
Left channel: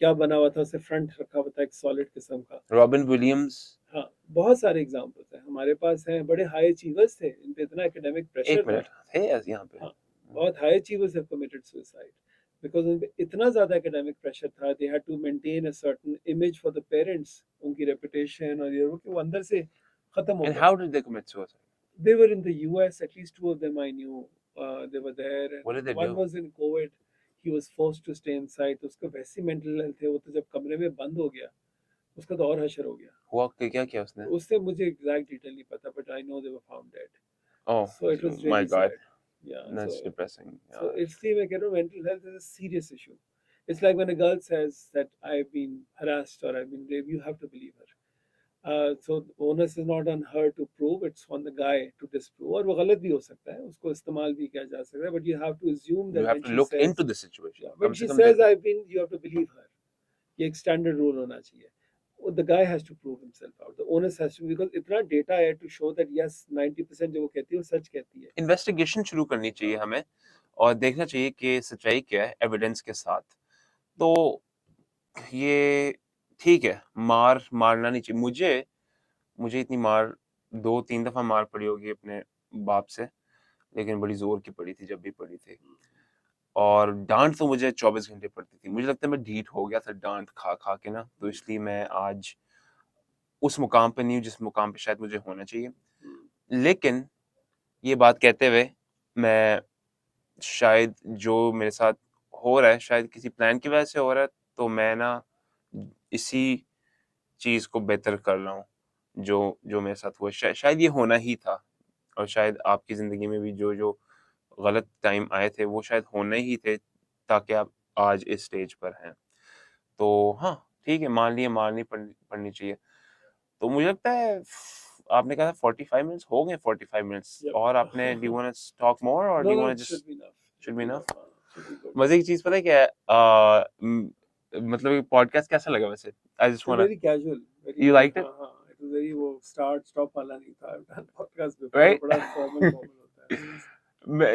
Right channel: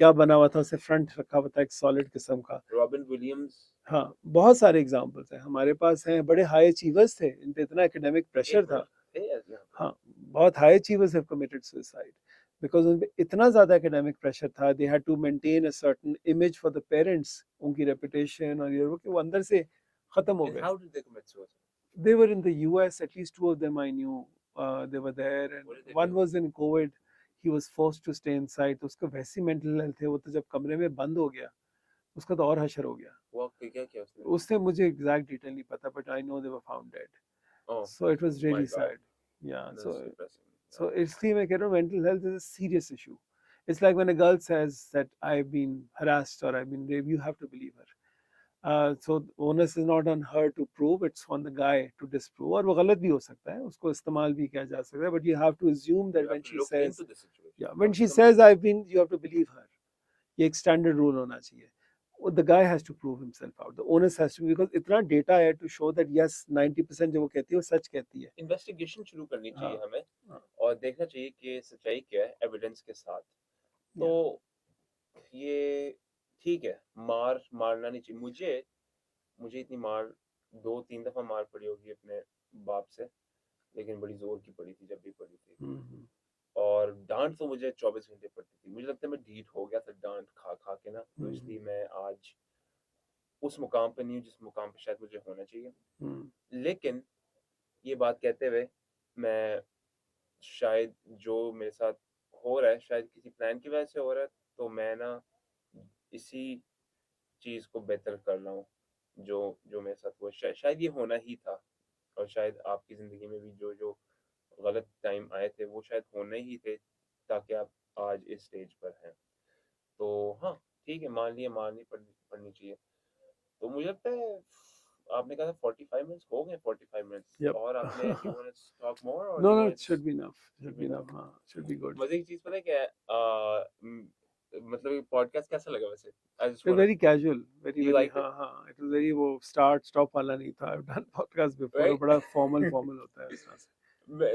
क्या बना हुआ था, उसे फ्रंट रखा हुआ था एक सॉलिड किस्म का। रॉबिन विलियम्स, हाँ, बहुत सारे एग्जांपल्स हैं हमारे पास हैं, बड़े हाई अचीवर्स थे, इन पे इतना एकेडमिक 1 प्रेशर था। मिनट थे यहाँ पे। हाँ, बहुत high achievers have committed suicide because उन पे इतना ज्यादा एकेडमिक प्रेशर था, they had to maintain a certain image for the parents, उनकी रेपुटेशन और ये वो कि वो अंदर से खत्म हो एंड गए हाउ थे। Did they commit suicide? They were in the US, at least two of them I knew. They were there, and what did they one do? was in COVID. He was forced to stay inside. तो उसका वैसी mental health है, वो तो जब कमरे में बंद हो गया, उसका तो और हशर हो गया। हुआ क्या किया उसने? उससे मुझे एग्जैक्ट डिटेल नहीं पता, but I know they were found dead. Oh, So it was my really God, sad. Yeah. That's depressing. So इसलिए मैं कह रहा हूँ mental health is a serious issue. It's like when a girl says that I've been harassed or I've been raped, you have to believe her. So the onus is not on her to prove, it's on the guy to disprove, और वो गलत भी हो सकता है, उसको इस्तेमाल भी किया जा सकता है, but you have to assume you that have when to she look says, into the situation. yeah, कम when से she कम says देखो। I've been, you have to believe her. ये एक standard rule होना चाहिए. The guy has to prove himself out. The onus has to, because इतना data है to show that yes 90% जो वो कहती है वो सच कहती है. इन्वेस्टिगेशन शुरू करनी चाहिए हाँ, हमें हाँ, और देखना चाहिए कि सच्चाई क्या है एविडेंस के साथ। तो yeah. ये ठीक है, मारना नहीं चाहिए। मुझे इतनी मार 2-3 दफ़ा मार पड़ी होगी अपने बाप से, लेकिन बड़ी ज़ोर की पड़ी थी जब भी पड़ी थी। हम्म, और डाँट तो मुझे 24 घंटे पड़ती थी। मुझे लगता है मैं ढीठ हो गया था डाँट खा-खा के ना, तो हम्म, इसलिए मैं आज उस मुकाम पे नहीं हूँ जिस मुकाम पे शायद मुझे होना चाहिए। हम्म, लेकिन ये बात कहते हुए मैं शायद जो मेरे साथ हो रहा है, शायद किसी प्लान की वजह से हो रहा है, तो मैं ना इसी चीज़ को बेहतर कर रहा हूँ, जो जो मेरे साथ हुआ। शायद ये होना ही था और शायद आपकी ज़िंदगी में भी जो गलत टाइम आए थे, वो शायद होने ही थे, ताकि आप आज इस स्टेज पर हैं। तो हाँ, ठीक है, मान लिया मारनी पड़नी चाहिए। तो मुझे लगता है आपने कहा था 45 मिनट्स हो गए 45 मिनट्स yep. और आपने do you wanna talk more और No, do you no, wanna it should just be enough. Should Should be be enough? enough. हाँ, should be good. मज़े की चीज़ पता है क्या है? मतलब ये पॉडकास्ट कैसा लगा वैसे? I just They're वांना very casual, you very liked it? हाँ हाँ, it was very वो start stop वाला नहीं था. I've done podcast before, वो राइट? बड़ा formal होता है उसमें. मैं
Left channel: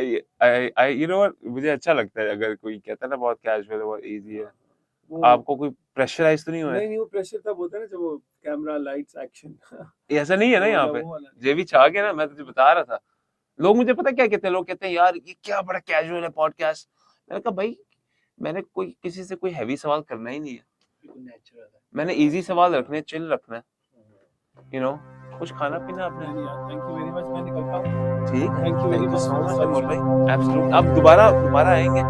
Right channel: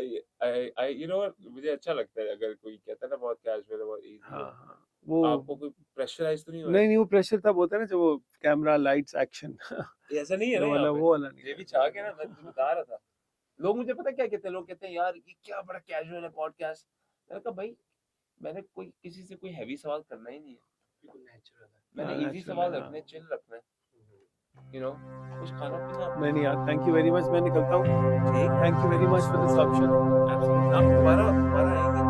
आई यू नो व्हाट मुझे अच्छा लगता है अगर कोई कहता है ना बहुत कैजुअल है, बहुत ईज़ी हाँ है। हाँ, वो आपको कोई प्रेशराइज़ तो नहीं हुआ है? नहीं वो प्रेशर तब होता है ना जब वो कैमरा लाइट्स एक्शन ये ऐसा नहीं है ना वो यहाँ वाला पे? वो वाला नहीं जे है. भी छा गया ना, मैं तुझे बता रहा था। लोग मुझे पता है क्या कहते हैं? लोग कहते हैं यार ये क्या बड़ा कैजुअल है पॉडकास्ट। मैंने कहा भाई मैंने कोई किसी से कोई हेवी सवाल करना ही नहीं है। नेचुरल है। मैंने हाँ, ईज़ी actually, सवाल हाँ. रखने हैं, चिल रखना है, यू नो कुछ खाना-पीना आपने? नहीं यार, थैंक यू वेरी मच, मैं निकलता हूँ. ठीक है, thank you very thank you much so for the much Anmol suggestion. भाई, एब्सोल्यूट आप दोबारा आएँगे?